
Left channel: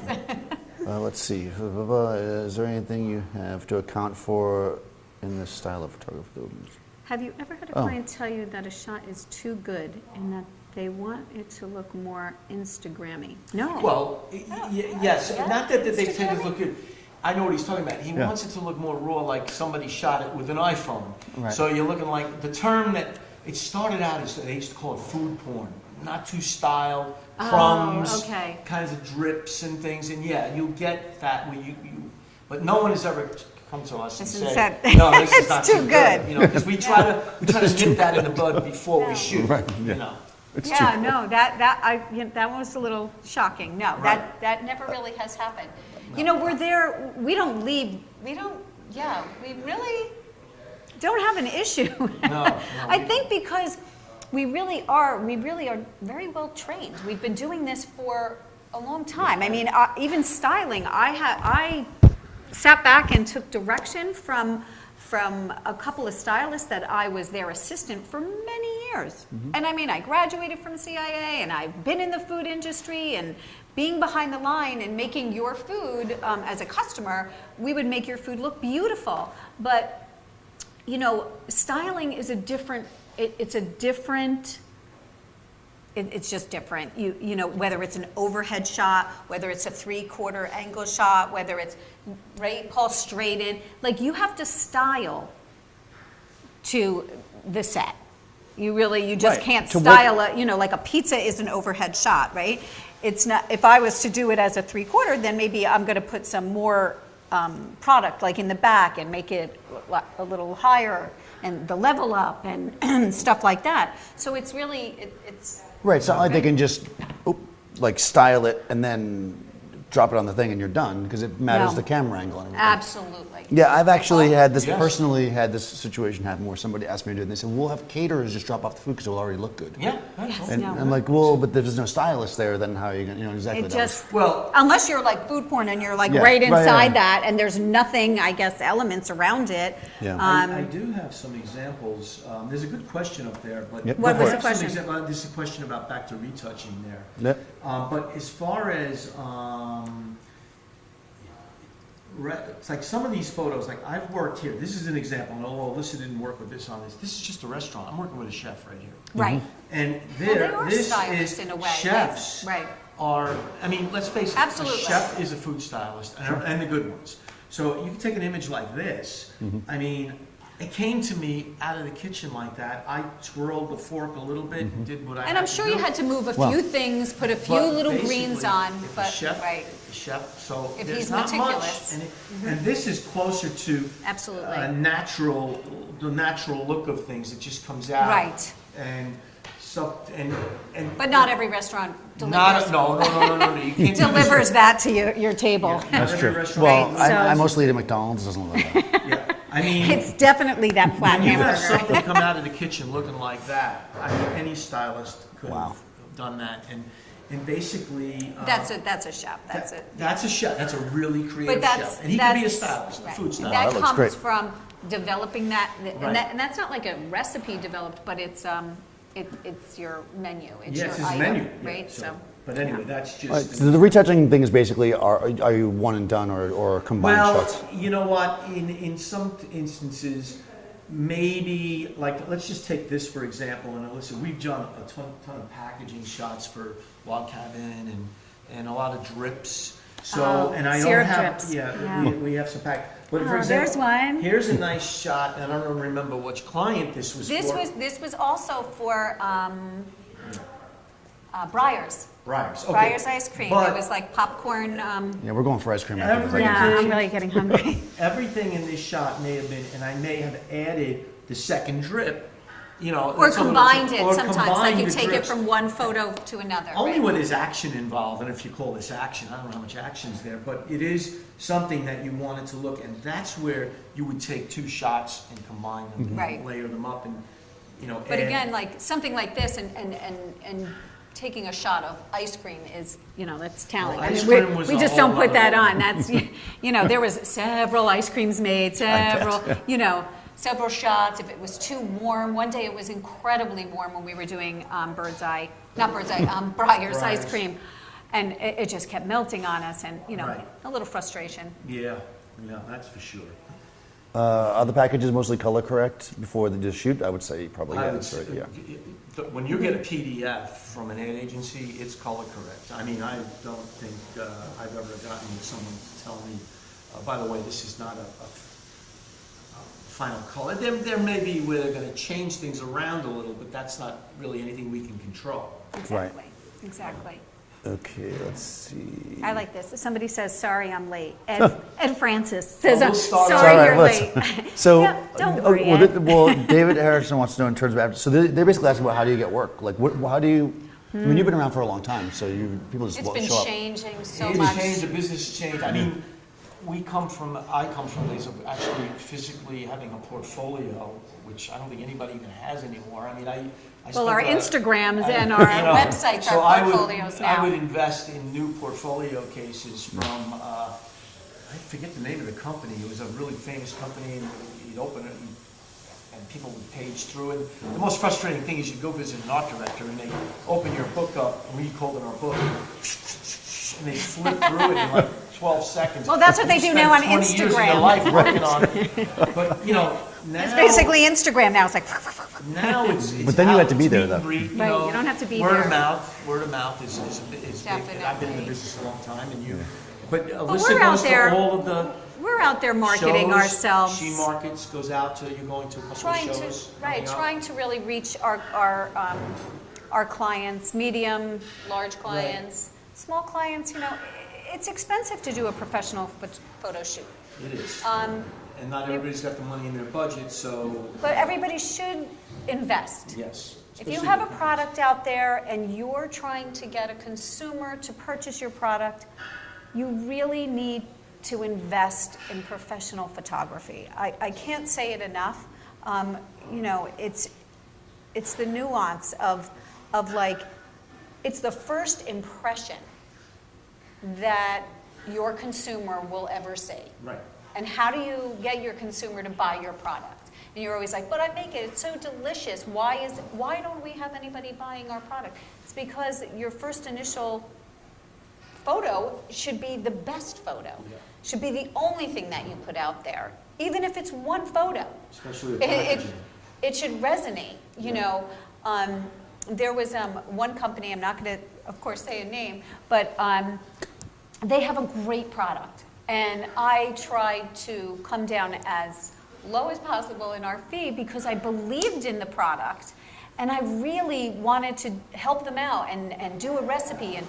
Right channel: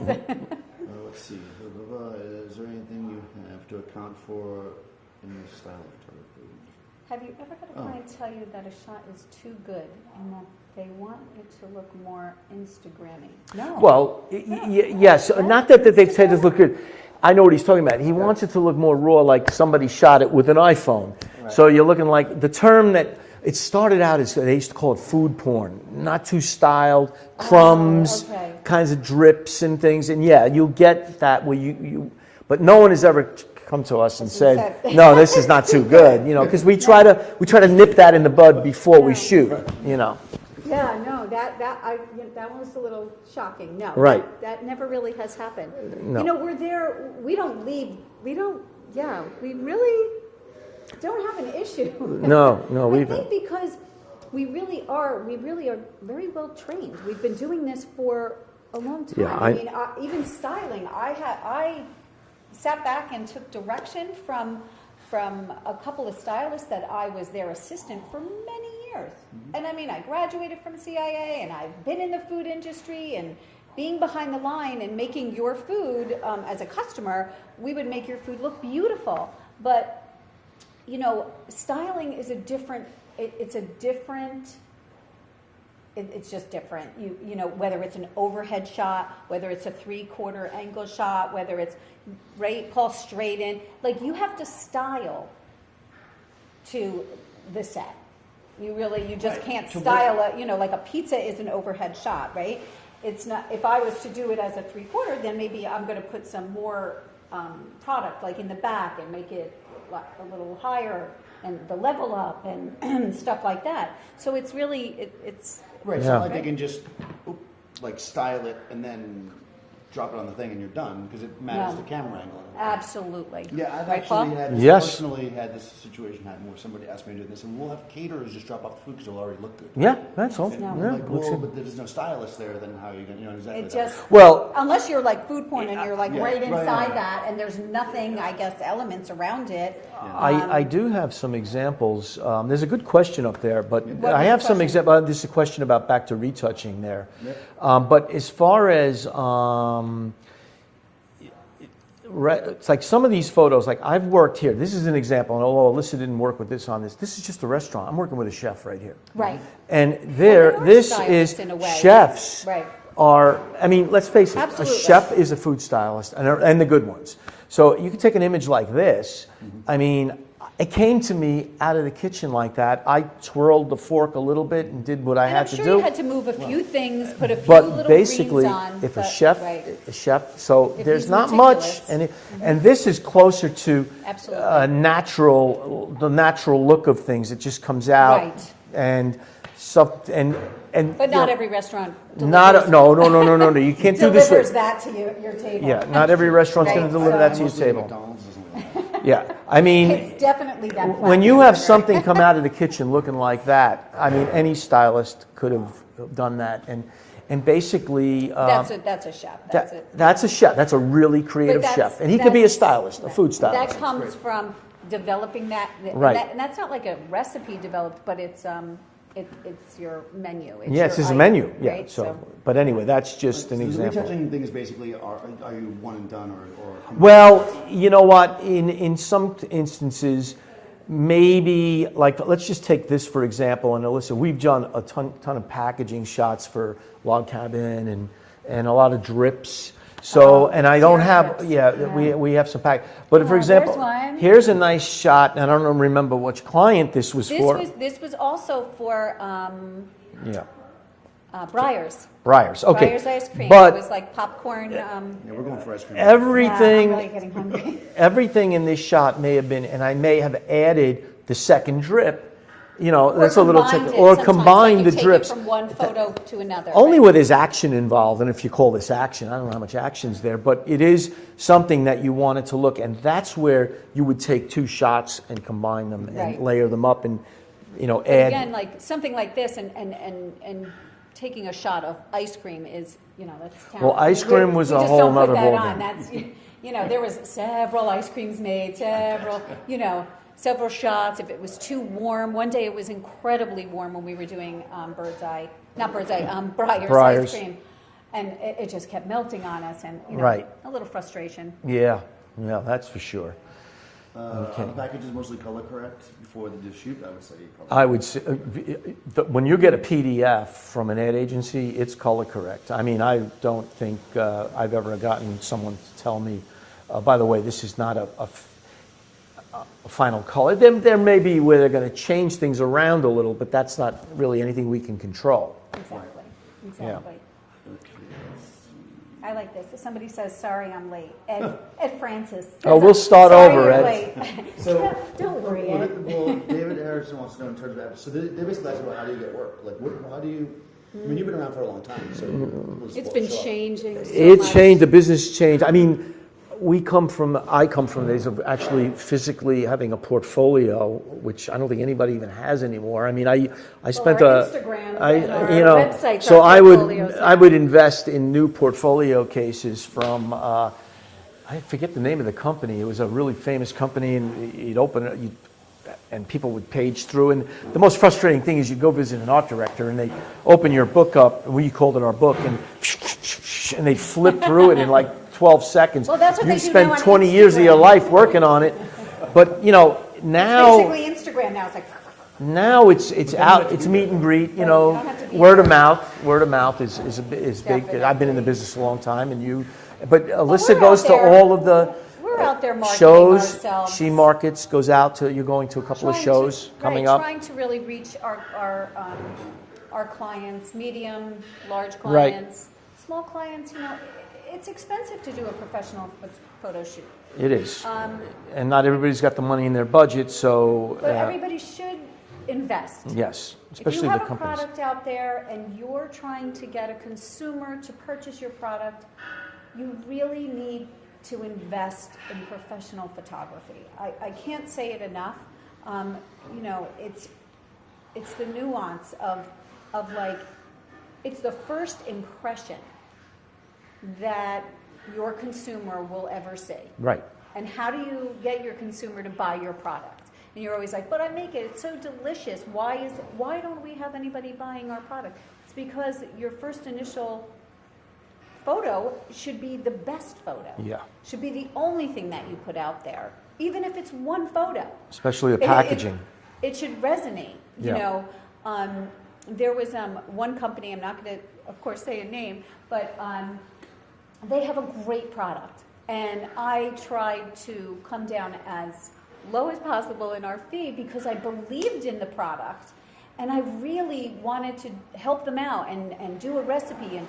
Let's see. Is there anything you have to account for in this style of photography? Have you ever had a client tell you that a shot is too good and that they want it to look more Instagrammy? No. Well, yes. Not that they say this look good. I know what he's talking about. He wants it to look more raw, like somebody shot it with an iPhone. Right. So you're looking like the term that it started out as they used to call it food porn, not too styled, crumbs, okay. kinds of drips and things. And yeah, you'll get that where but no one has ever come to us and Hasn't said, said, "No, this is "It's not too too good." good. Because we try to nip that in the bud before we shoot. No, that was a little shocking. No, Right. that never really has happened. No. We're there, we really don't have an issue. No, I think because we really are very well trained. We've been doing this for a long time. Yeah, I mean, even styling, I sat back and took direction from a couple of stylists that I was their assistant for many years. And I mean, I graduated from CIA and I've been in the food industry, and being behind the line and making your food as a customer, we would make your food look beautiful. But, styling is it's just different. Whether it's an overhead shot, whether it's a 3/4 angle shot, whether it's Paul straight in, like you have to style to the set. You just Right. can't To style like a pizza is an overhead shot, right? It's not, if I was to do it as a 3/4, then maybe I'm going to put some more product like in the back and make it a little higher and the level up and stuff like that. So it's really, it's Right, so Yeah. like they can just style it and then drop it on the thing and you're done because it matters No. the camera angle and everything. absolutely. Yeah, I've actually Yes. personally had this situation happen where somebody asked me to do it and they said, we'll have caterers just drop off the food because it'll already look good. Yeah, that's all. And No. I'm like, well, but there's no stylist there, then how are you going to, exactly. It that was- just, Well, unless you're like food porn and you're like Yeah. right Right, inside yeah. that and there's nothing, I guess, elements around it. Yeah. I do have some examples. There's a good question up there, but Yep. What I was the have some question? examples. This is a question about back to retouching there. Yep. But as far as it's like some of these photos, like I've worked here. This is an example, and although Alyssa didn't work with this on this, this is just a restaurant. I'm working with a chef right here. Right. And they are this stylists is in a way, chefs right. are. I mean, let's face it. Absolutely. A chef is a food stylist, and the good ones. So you can take an image like this. I mean, it came to me out of the kitchen like that. I twirled the fork a little bit and did what I And had I'm to sure do. you had to move a few things, put a few But little basically, greens on. if but, a chef, right. so If there's he's not meticulous. much, and this is closer to Absolutely. the natural look of things. It just comes out, Right. and But not every restaurant not delivers, no. You can't do this. delivers that to your table. Yeah, not every restaurant Right. can deliver I that to your mostly at table. McDonald's, doesn't look like that. Yeah, I mean, It's definitely that flat when you have hamburger. something come out of the kitchen looking like that, I mean, any stylist could have done that. And and basically That's a chef. that's a chef. That's a really creative chef, and he could be a stylist, a food stylist. That comes from developing that, Right. and that's not like a recipe developed, but it's your menu. It's Yes, your it's a item, menu. right? Yeah, so, but anyway, that's just Right, an so the example. retouching thing is basically, are you one and done or combined Well, shots? you know what? In some instances, maybe like let's just take this for example. And Alyssa, we've done a ton of packaging shots for Log Cabin and a lot of drips. So and I don't syrup have drips. we have some pack. But for Oh, example, there's one. here's a nice shot. And I don't remember which client this was for. This was also for Yeah, Breyers. Breyers. Okay, Breyers ice cream. But It was like popcorn. Yeah, we're going for ice cream. every- Yeah, Everything- I'm really getting hungry. everything in this shot may have been, and I may have added the second drip. You know, Or that's a little combined trick. it Or sometimes, combine like the you take drips. it from one photo to another. Only right? when there's action involved, and if you call this action, I don't know how much action's there, but it is something that you wanted to look, and that's where you would take two shots and combine them Right. and layer them up and, you know, But add. again, like something like this and taking a shot of ice cream is, that's talent. Well, ice cream was we a just whole don't put nother that ballgame. on. That's, there was several ice creams made, several shots. If it was too warm, one day it was incredibly warm when we were doing Breyers Breyers. ice cream. And it just kept melting on us and, Right. a little frustration. Yeah, that's for sure. Are the packages mostly color correct before the shoot? I would say probably. I yes, would say, yeah. when you get a PDF from an ad agency, it's color correct. I mean, I don't think I've ever gotten someone to tell me, by the way, this is not a final color. There may be where they're going to change things around a little, but that's not really anything we can control. Exactly. Exactly. Okay, let's see. I like this. Somebody says, "Sorry, I'm late." Ed Francis says, Oh, we'll start "Sorry, over. you're Let's- late." So, Yeah, don't worry, Ed. well, David Harrison wants to know in terms of, so they're basically asking about how do you get work? Like, how do you, I mean, you've been around for a long time, so people just It's been show up. changing so It's much. changed, the business changed. I mean, I come from days of actually physically having a portfolio, which I don't think anybody even has anymore. I mean, I Well, spent our Instagrams and our websites so are I portfolios would now. I would invest in new portfolio cases from I forget the name of the company. It was a really famous company, and you'd open it. And people would page through, and the most frustrating thing is you go visit an art director, and they open your book up, and we called it our book, and they flip through it in like 12 seconds. Well, that's what And they you do now spend on 20 years of your Instagram. life working on it, but now It's basically Instagram now. It's like, now it's then you out, have to it's be there, meet and though. greet, Right, you don't have to be word there. of mouth. Word of mouth is big. I've been in the Definitely. business a long time, and but Alyssa we're goes out there. to all of the we're out there marketing shows. ourselves. She markets, goes out to. You're going to a couple of shows coming up. Trying to really reach our clients, medium, large Right. clients, small clients. It's expensive to do a professional photo shoot. It is, Um, and not everybody's got the money in their budget, so. But everybody should invest. Yes, If especially you have the a companies. product out there and you're trying to get a consumer to purchase your product, you really need to invest in professional photography. I can't say it enough. It's the nuance of like, it's the first impression that your consumer will ever see. Right. And how do you get your consumer to buy your product? And you're always like, but I make it, it's so delicious. Why don't we have anybody buying our product? It's because your first initial photo should be the best photo. Yeah. Should be the only thing that you put out there, even if it's one photo. Especially the It- packaging. It should resonate. Yeah. There was one company, I'm not going to, of course, say a name, but they have a great product. And I tried to come down as low as possible in our fee because I believed in the product. And I really wanted to help them out and do a recipe.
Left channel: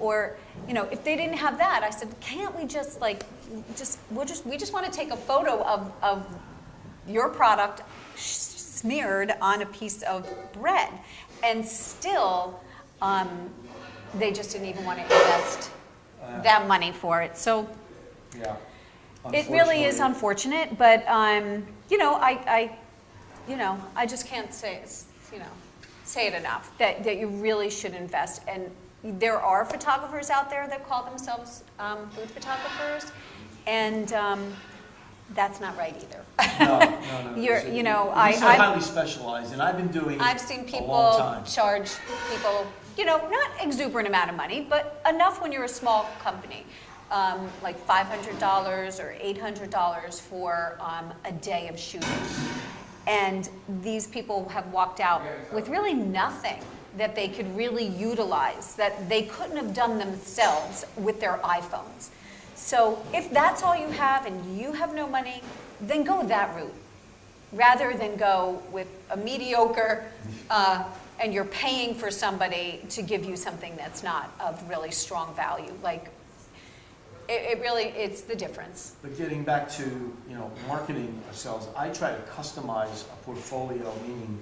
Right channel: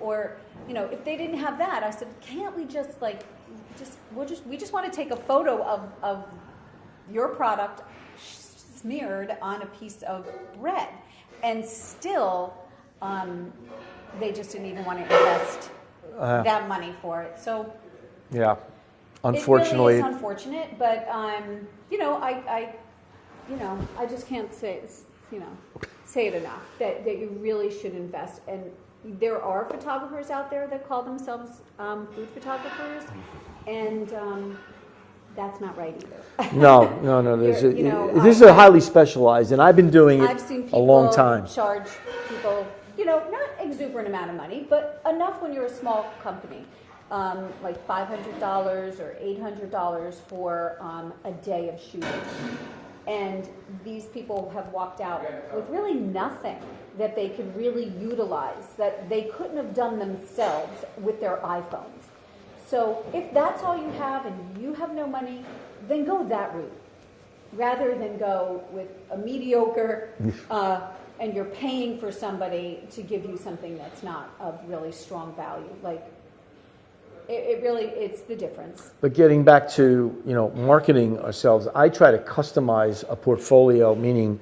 Or if they didn't have that, I said, can't we just we just want to take a photo of your product smeared on a piece of bread. And still, they just didn't even want to invest that money for it. So Yeah. it Unfortunately. really is unfortunate, but I just can't say it enough that you really should invest. And there are photographers out there that call themselves food photographers, and that's not right either. No. These are highly specialized, and I've been doing I've it seen a people long time. charge people, not exuberant amount of money, but enough when you're a small company, like $500 or $800 for a day of shooting. And these people have walked out with really nothing that they could really utilize, that they couldn't have done themselves with their iPhones. So if that's all you have and you have no money, then go that route, rather than go with a mediocre, and you're paying for somebody to give you something that's not of really strong value. Like, it's the difference. But getting back to, marketing ourselves, I try to customize a portfolio, meaning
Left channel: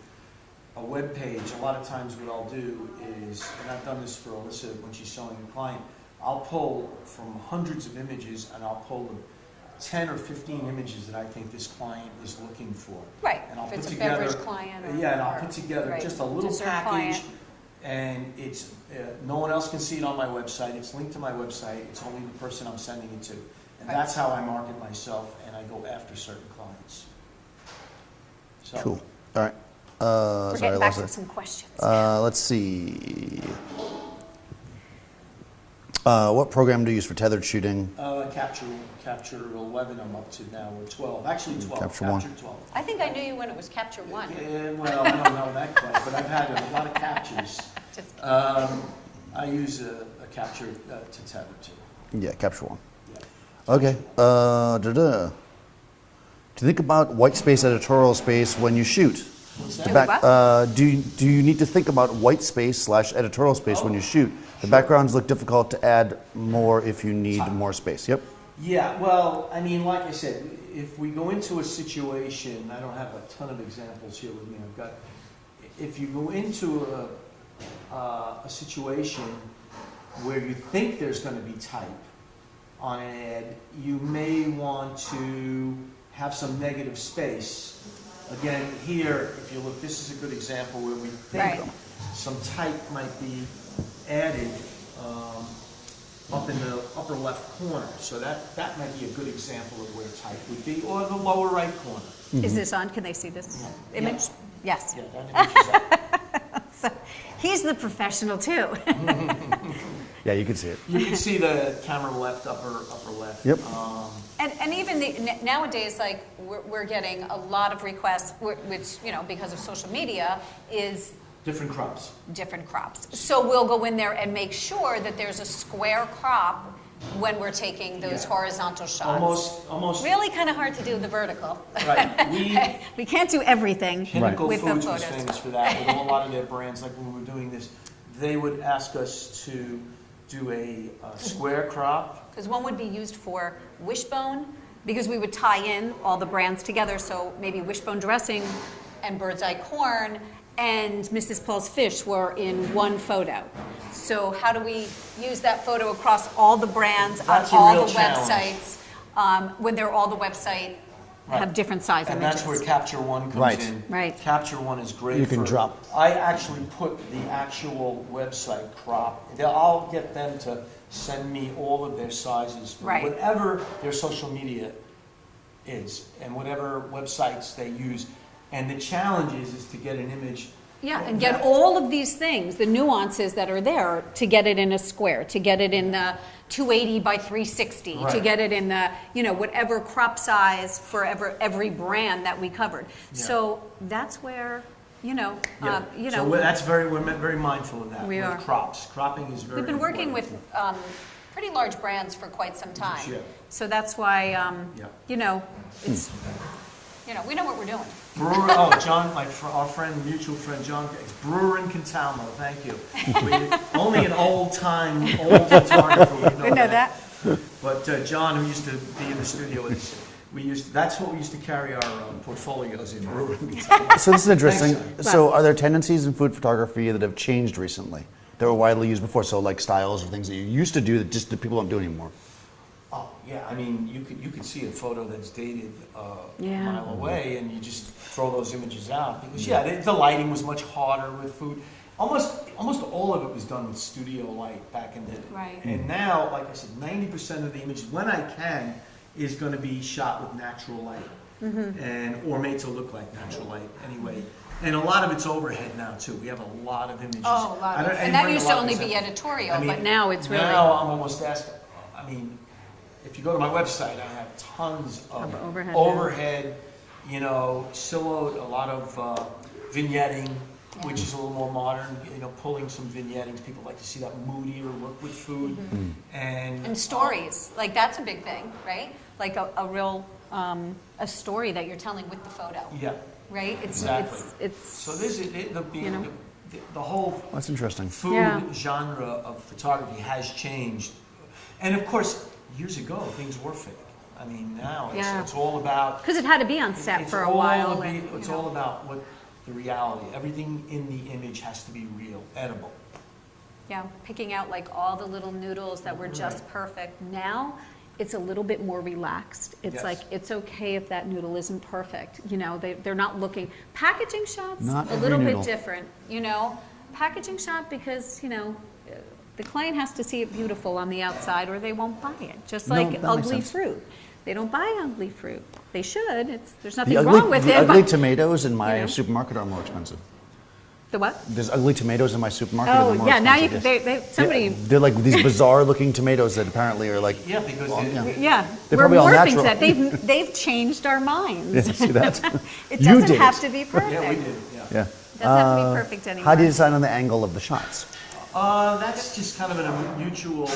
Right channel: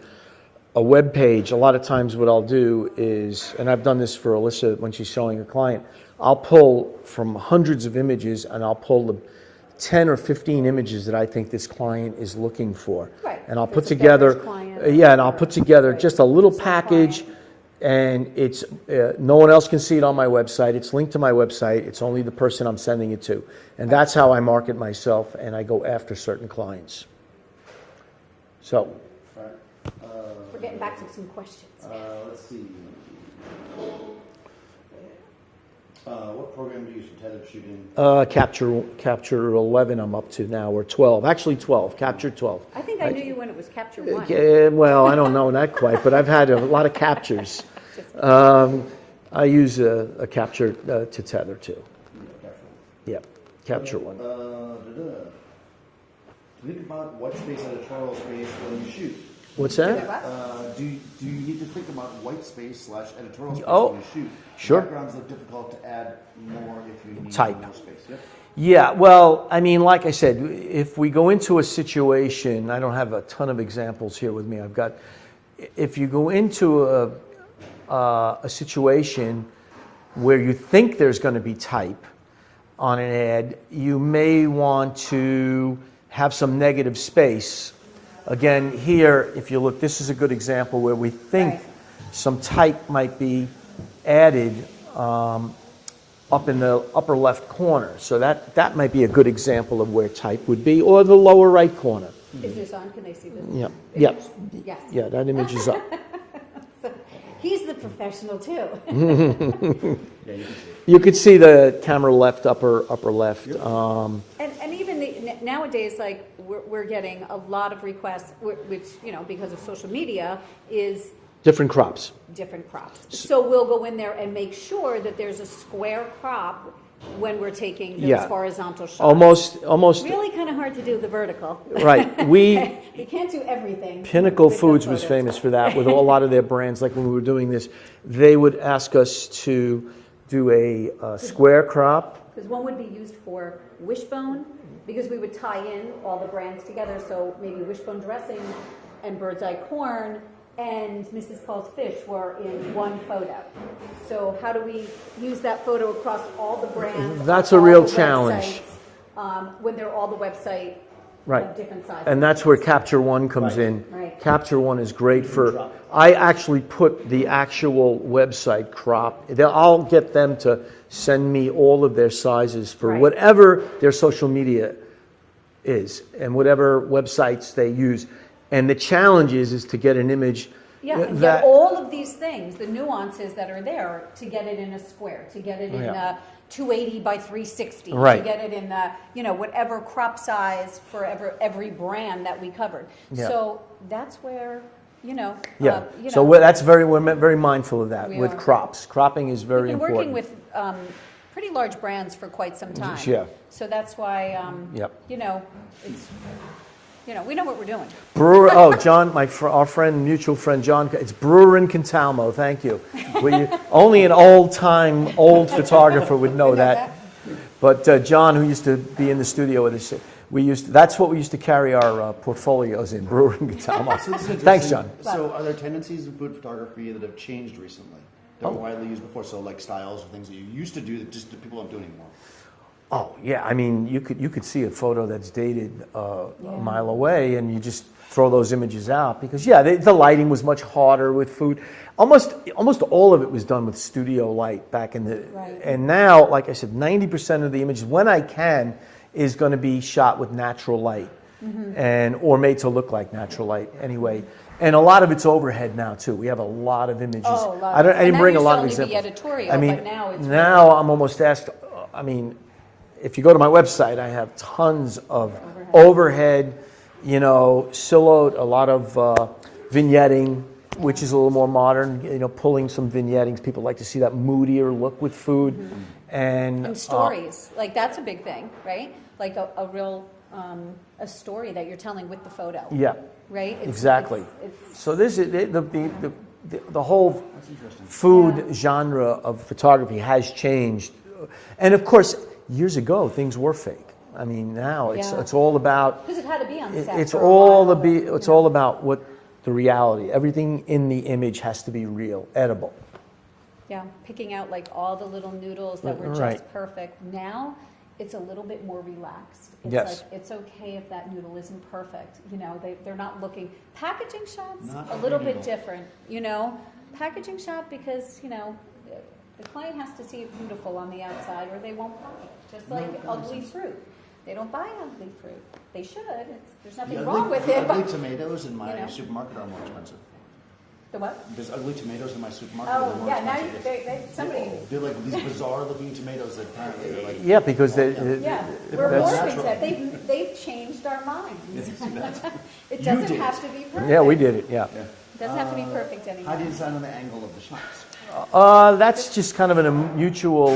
a web page. A lot of times what I'll do is, and I've done this for Alyssa when she's showing a client, I'll pull from hundreds of images and I'll pull the 10 or 15 images that I think this client is looking for. Right. And I'll If put it's a together, beverage client and I'll put together right, just a little dessert package, client. and it's no one else can see it on my website. It's linked to my website. It's only the person I'm sending it to. And that's how I market myself, and I go after certain clients. So, Cool. All right. We're getting back to Alyssa. some questions. Let's see. What program do you use for tethered shooting? Capture 11 I'm up to now, or 12. Actually 12, Capture Capture 12. I think I knew you when it was Capture One. Well, I don't know that quite, but I've had a lot of captures. I use a capture to tether to. Yeah, Capture One. Yeah. Okay. Capture One. Do you think about white space editorial space when you shoot? What's that? Do you need to think about white space / editorial space when you shoot? The Sure. backgrounds look difficult to add more if you need Tight. more space. Yep. Yeah, well, I mean, like I said, if we go into a situation, I don't have a ton of examples here with me. If you go into a situation where you think there's going to be type on an ad, you may want to have some negative space. Again, here, if you look, this is a good example where we think Right. some type might be added up in the upper left corner. So that might be a good example of where type would be, or the lower right corner. Is this on? Can they see this Yeah. image? Yes. Yeah, that image is up. So he's the professional too. Yeah, you can see it. You could see the camera left, upper left. Yep. And even nowadays, like we're getting a lot of requests, which because of social media, is Different crops. different crops. So we'll go in there and make sure that there's a square crop when we're taking those Yeah. horizontal shots. Almost. Really kind of hard to do the vertical. Right. We can't do everything. Pinnacle with the Foods was photos. famous for that with a lot of their brands. Like when we were doing this, they would ask us to do a square crop. Because one would be used for Wishbone, because we would tie in all the brands together. So maybe Wishbone dressing and Bird's Eye corn and Mrs. Paul's fish were in one photo. So how do we use that photo across all the brands That's on a all real the challenge. websites when they're all the website Right. have different sizes? And that's where Capture One comes Right. in. Right. Capture One is great You can for. drop. I actually put the actual website crop. I'll get them to send me all of their sizes for Right. whatever their social media is and whatever websites they use. And the challenge is to get an image. Yeah, and that- get all of these things, the nuances that are there, to get it in a square, to get it in Yeah. the 280 by 360, to Right. get it in the, whatever crop size for every brand that we covered. Yeah. So that's where, Yeah. you So know, we're very mindful of that We with are. crops. Cropping is very we've been important. working with pretty large brands for quite some time. Yeah. So that's why, Yep. it's, we know what we're doing. Brewer, John, our friend, mutual friend, John, it's Brewer in Contalmo, thank you. Only an old photographer would know We know that. But John, who used to be in the studio with us, that's what we used to carry our portfolios in, Brewer in Contalmo. So this is interesting. Thanks, John. So are there tendencies in food photography that have changed recently? That were widely used before, so like styles or things that you used to do that just the people don't do anymore. Oh yeah, I mean you could see a photo that's dated Yeah. a mile away, and you just throw those images out because the lighting was much harder with food. Almost all of it was done with studio light back in the. Right. And now, like I said, 90% of the images, when I can, is going to be shot with natural light, or made to look like natural light anyway. And a lot of it's overhead now too. We have a lot of images. Oh, a lot. I didn't And that bring a used lot to of only be examples. editorial, but now it's now I'm almost asked. I mean, if you go to my website, I have tons of overhead, silhouette, a lot of vignetting, which is a little more modern. Pulling some vignettings. People like to see that moodier look with food, and stories. Like that's a big thing, right? Like a real a story that you're telling with the photo. Yeah. Right. Exactly. So this is the whole That's interesting. food genre of photography has changed, and of course, years ago things were fake. I mean, now it's all about Because it had to be on set it's for a all while. it's all about what the reality. Everything in the image has to be real, edible. Yeah, picking out like all the little noodles that were just Right. perfect. Now, it's a little bit more relaxed. It's Yes. like, it's okay if that noodle isn't perfect. They're not looking. Packaging shots, Not a every little noodle. bit different, Packaging shot because, the client has to see it beautiful on the outside or they won't buy it. Just like that makes ugly sense. fruit. They don't buy ugly fruit. They should. There's nothing The wrong with the it. ugly but tomatoes in my you know. supermarket are more expensive. the what? There's ugly tomatoes in my supermarket. that are Oh, more yeah, now you expensive, can, yes. somebody, They're like these bizarre looking tomatoes that apparently are like. Yeah, because yeah, They're we're probably all morphing to natural. that. They've changed our minds. Yeah, see that? It You doesn't did have it. to be perfect. yeah, we did it. Yeah. Yeah. It doesn't have to be perfect anymore. How do you decide on the angle of the shots? That's just kind of a mutual.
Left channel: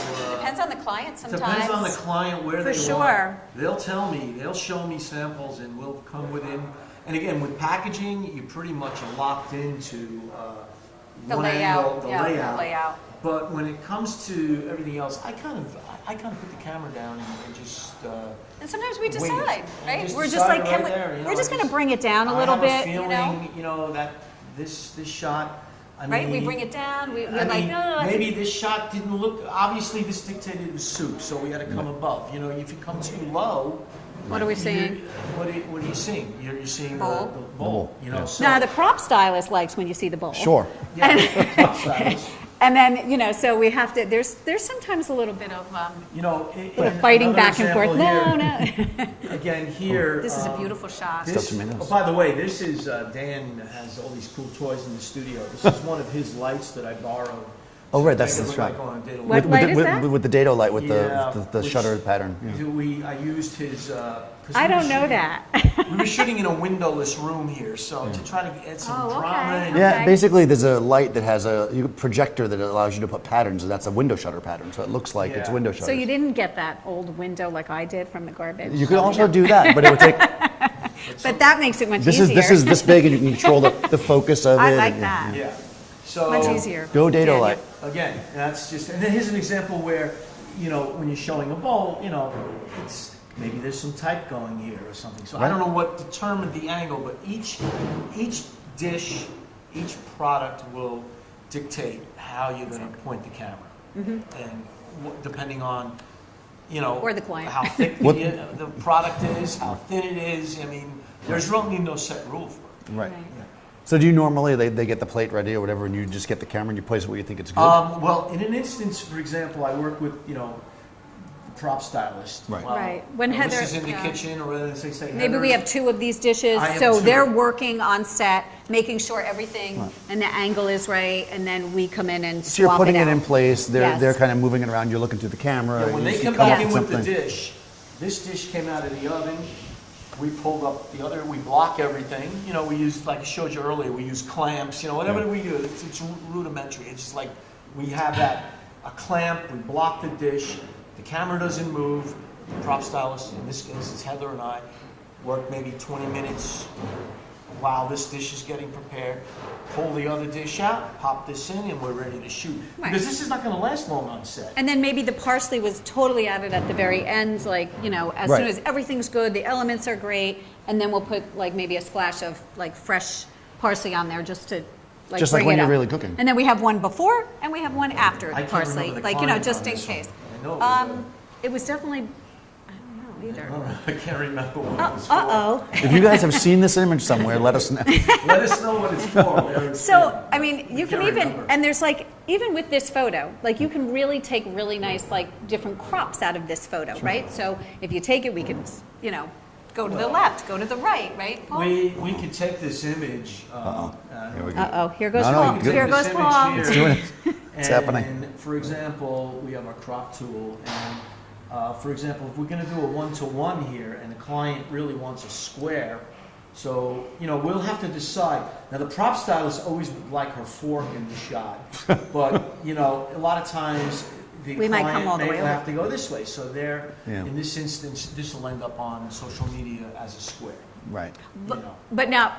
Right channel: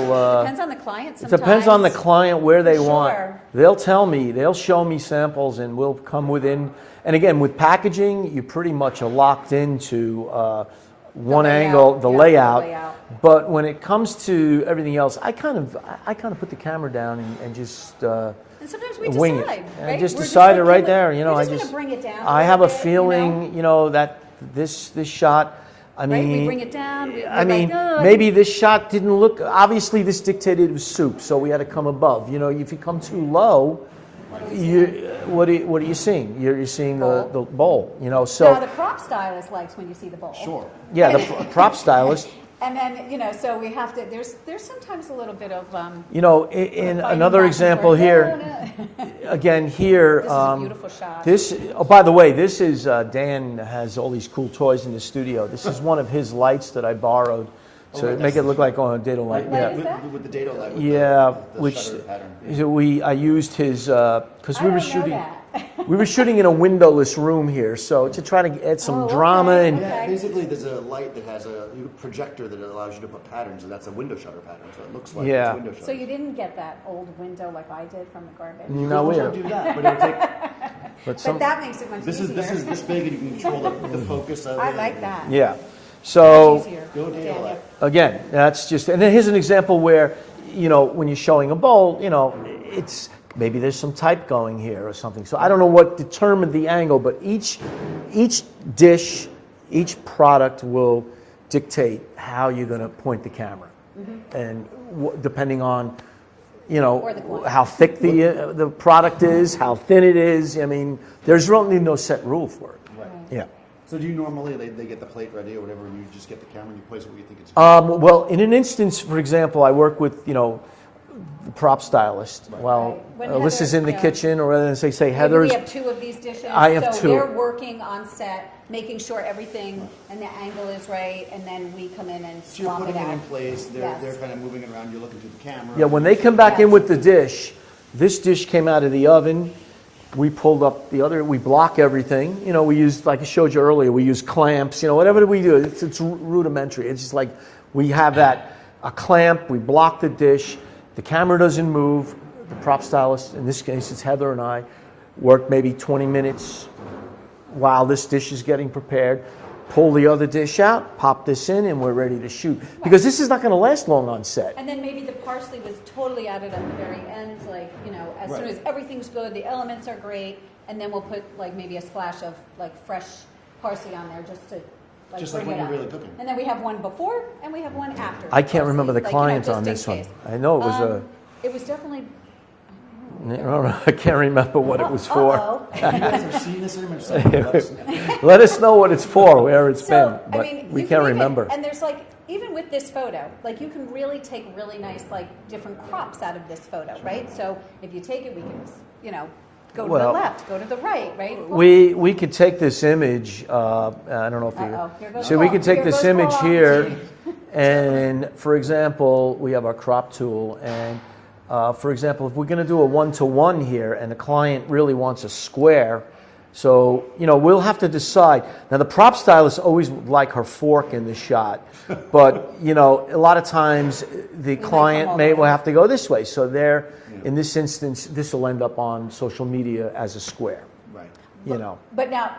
Depends on the client It sometimes. depends on the client where they For want. sure. They'll tell me, they'll show me samples, and we'll come within. And again, with packaging, you pretty much are locked into one layout, angle, the yeah, layout. the layout. But when it comes to everything else, I kind of put the camera down and just. And sometimes we wing it. decide, I right? just We're decide like, it right can we- there. We're just going to bring it down a I little have bit, a feeling, that this shot. I Right? mean, We bring it down. We're I mean, like, "Oh, maybe this shot didn't look. Obviously, this dictated it was soup, so we had to come above. If you come too low, What are we seeing? what are you seeing? You're seeing Bowl. the bowl. So Now, the prop stylist likes when you see the bowl. Sure. yeah, the prop stylist. And then, so we have to, there's sometimes a little bit of In fighting another back example and here. forth. No. Again, here. This is a beautiful shot. Oh, by the way, this is Dan has all these cool toys in the studio. This is one of his lights that I borrowed. Oh, to right, make that's it the look shot. like on a dado What light. light is that? With the dado light, with Yeah, the which- shutter pattern. I used his because I don't know that. we were shooting in a windowless room here, so to try to add some Oh, drama okay. and Yeah, Okay. basically there's a light that has a projector that allows you to put patterns, and that's a window shutter pattern, so it looks like it's Yeah. window shutters. So you didn't get that old window like I did from the garbage. You could also do that, but it would take. But that makes it much This easier. is this big, and you can control the focus of it. I like that. yeah. Much So easier. Go dado Daniel. light. again, that's just and then here's an example where when you're showing a bowl, it's maybe there's some type going here or something. So I don't know what determined the angle, but each dish, each product will dictate how you're going to point the camera, and depending on Or the client. how thick the product is, how thin it is. I mean, there's really no set rule for it. Right. Right. Yeah. So do you normally they get the plate ready or whatever, and you just get the camera and you place it where you think it's good? Well, in an instance, for example, I work with the prop stylist. Right. Well, Right. When Alyssa's Heather- in the yeah. kitchen, or rather than say Maybe Heather's. we have two of these dishes, I have so two. they're working on set, making sure everything and the angle is right, and then we come in and So you're swap putting it it out. in place. Yes. They're kind of moving it around. You're looking through the camera. Yeah, when you they see come back color in with the something. dish, this dish came out of the oven. We pulled up the other. We block everything. We use, like I showed you earlier, we use clamps. Whatever we do, it's rudimentary. It's just like we have a clamp. We block the dish. The camera doesn't move. The prop stylist, in this case, it's Heather and I, work maybe 20 minutes while this dish is getting prepared. Pull the other dish out, pop this in, and we're ready to shoot. Because this is not going to last long on set. And then maybe the parsley was totally added at the very end, like, as Right. soon as everything's good, the elements are great, and then we'll put like maybe a splash of like fresh parsley on there just to like Just like bring when it you're up. really cooking. And then we have one before and we have one after the I can't parsley. remember the like, client just on in this one. case. I know it was It was definitely I can't remember what it was for. Uh-oh. If you guys have seen this image somewhere, let us know. Let us know what it's for, where it's been. So, I but mean, we you can't can even, remember. and there's like, even with this photo, like you can really take really nice, like different crops out of this photo, right? So if you take it, we can, you know, go to the Well, left, go to the right, right? Paul? We could take this image, I don't know if you... Uh-oh, here goes So Paul. we could take Here this goes image Paul. here, happening. and for example, we have our crop tool, and for example, if we're going to do a one-to-one here, and the client really wants a square, so, you know, we'll have to decide. Now, the prop stylist always would like her fork in the shot, but, you know, a lot of times the We might come all client the may way will up. have to go this way. So there, Yeah. in this instance, this will end up on social media as a square, Right. you know. But now,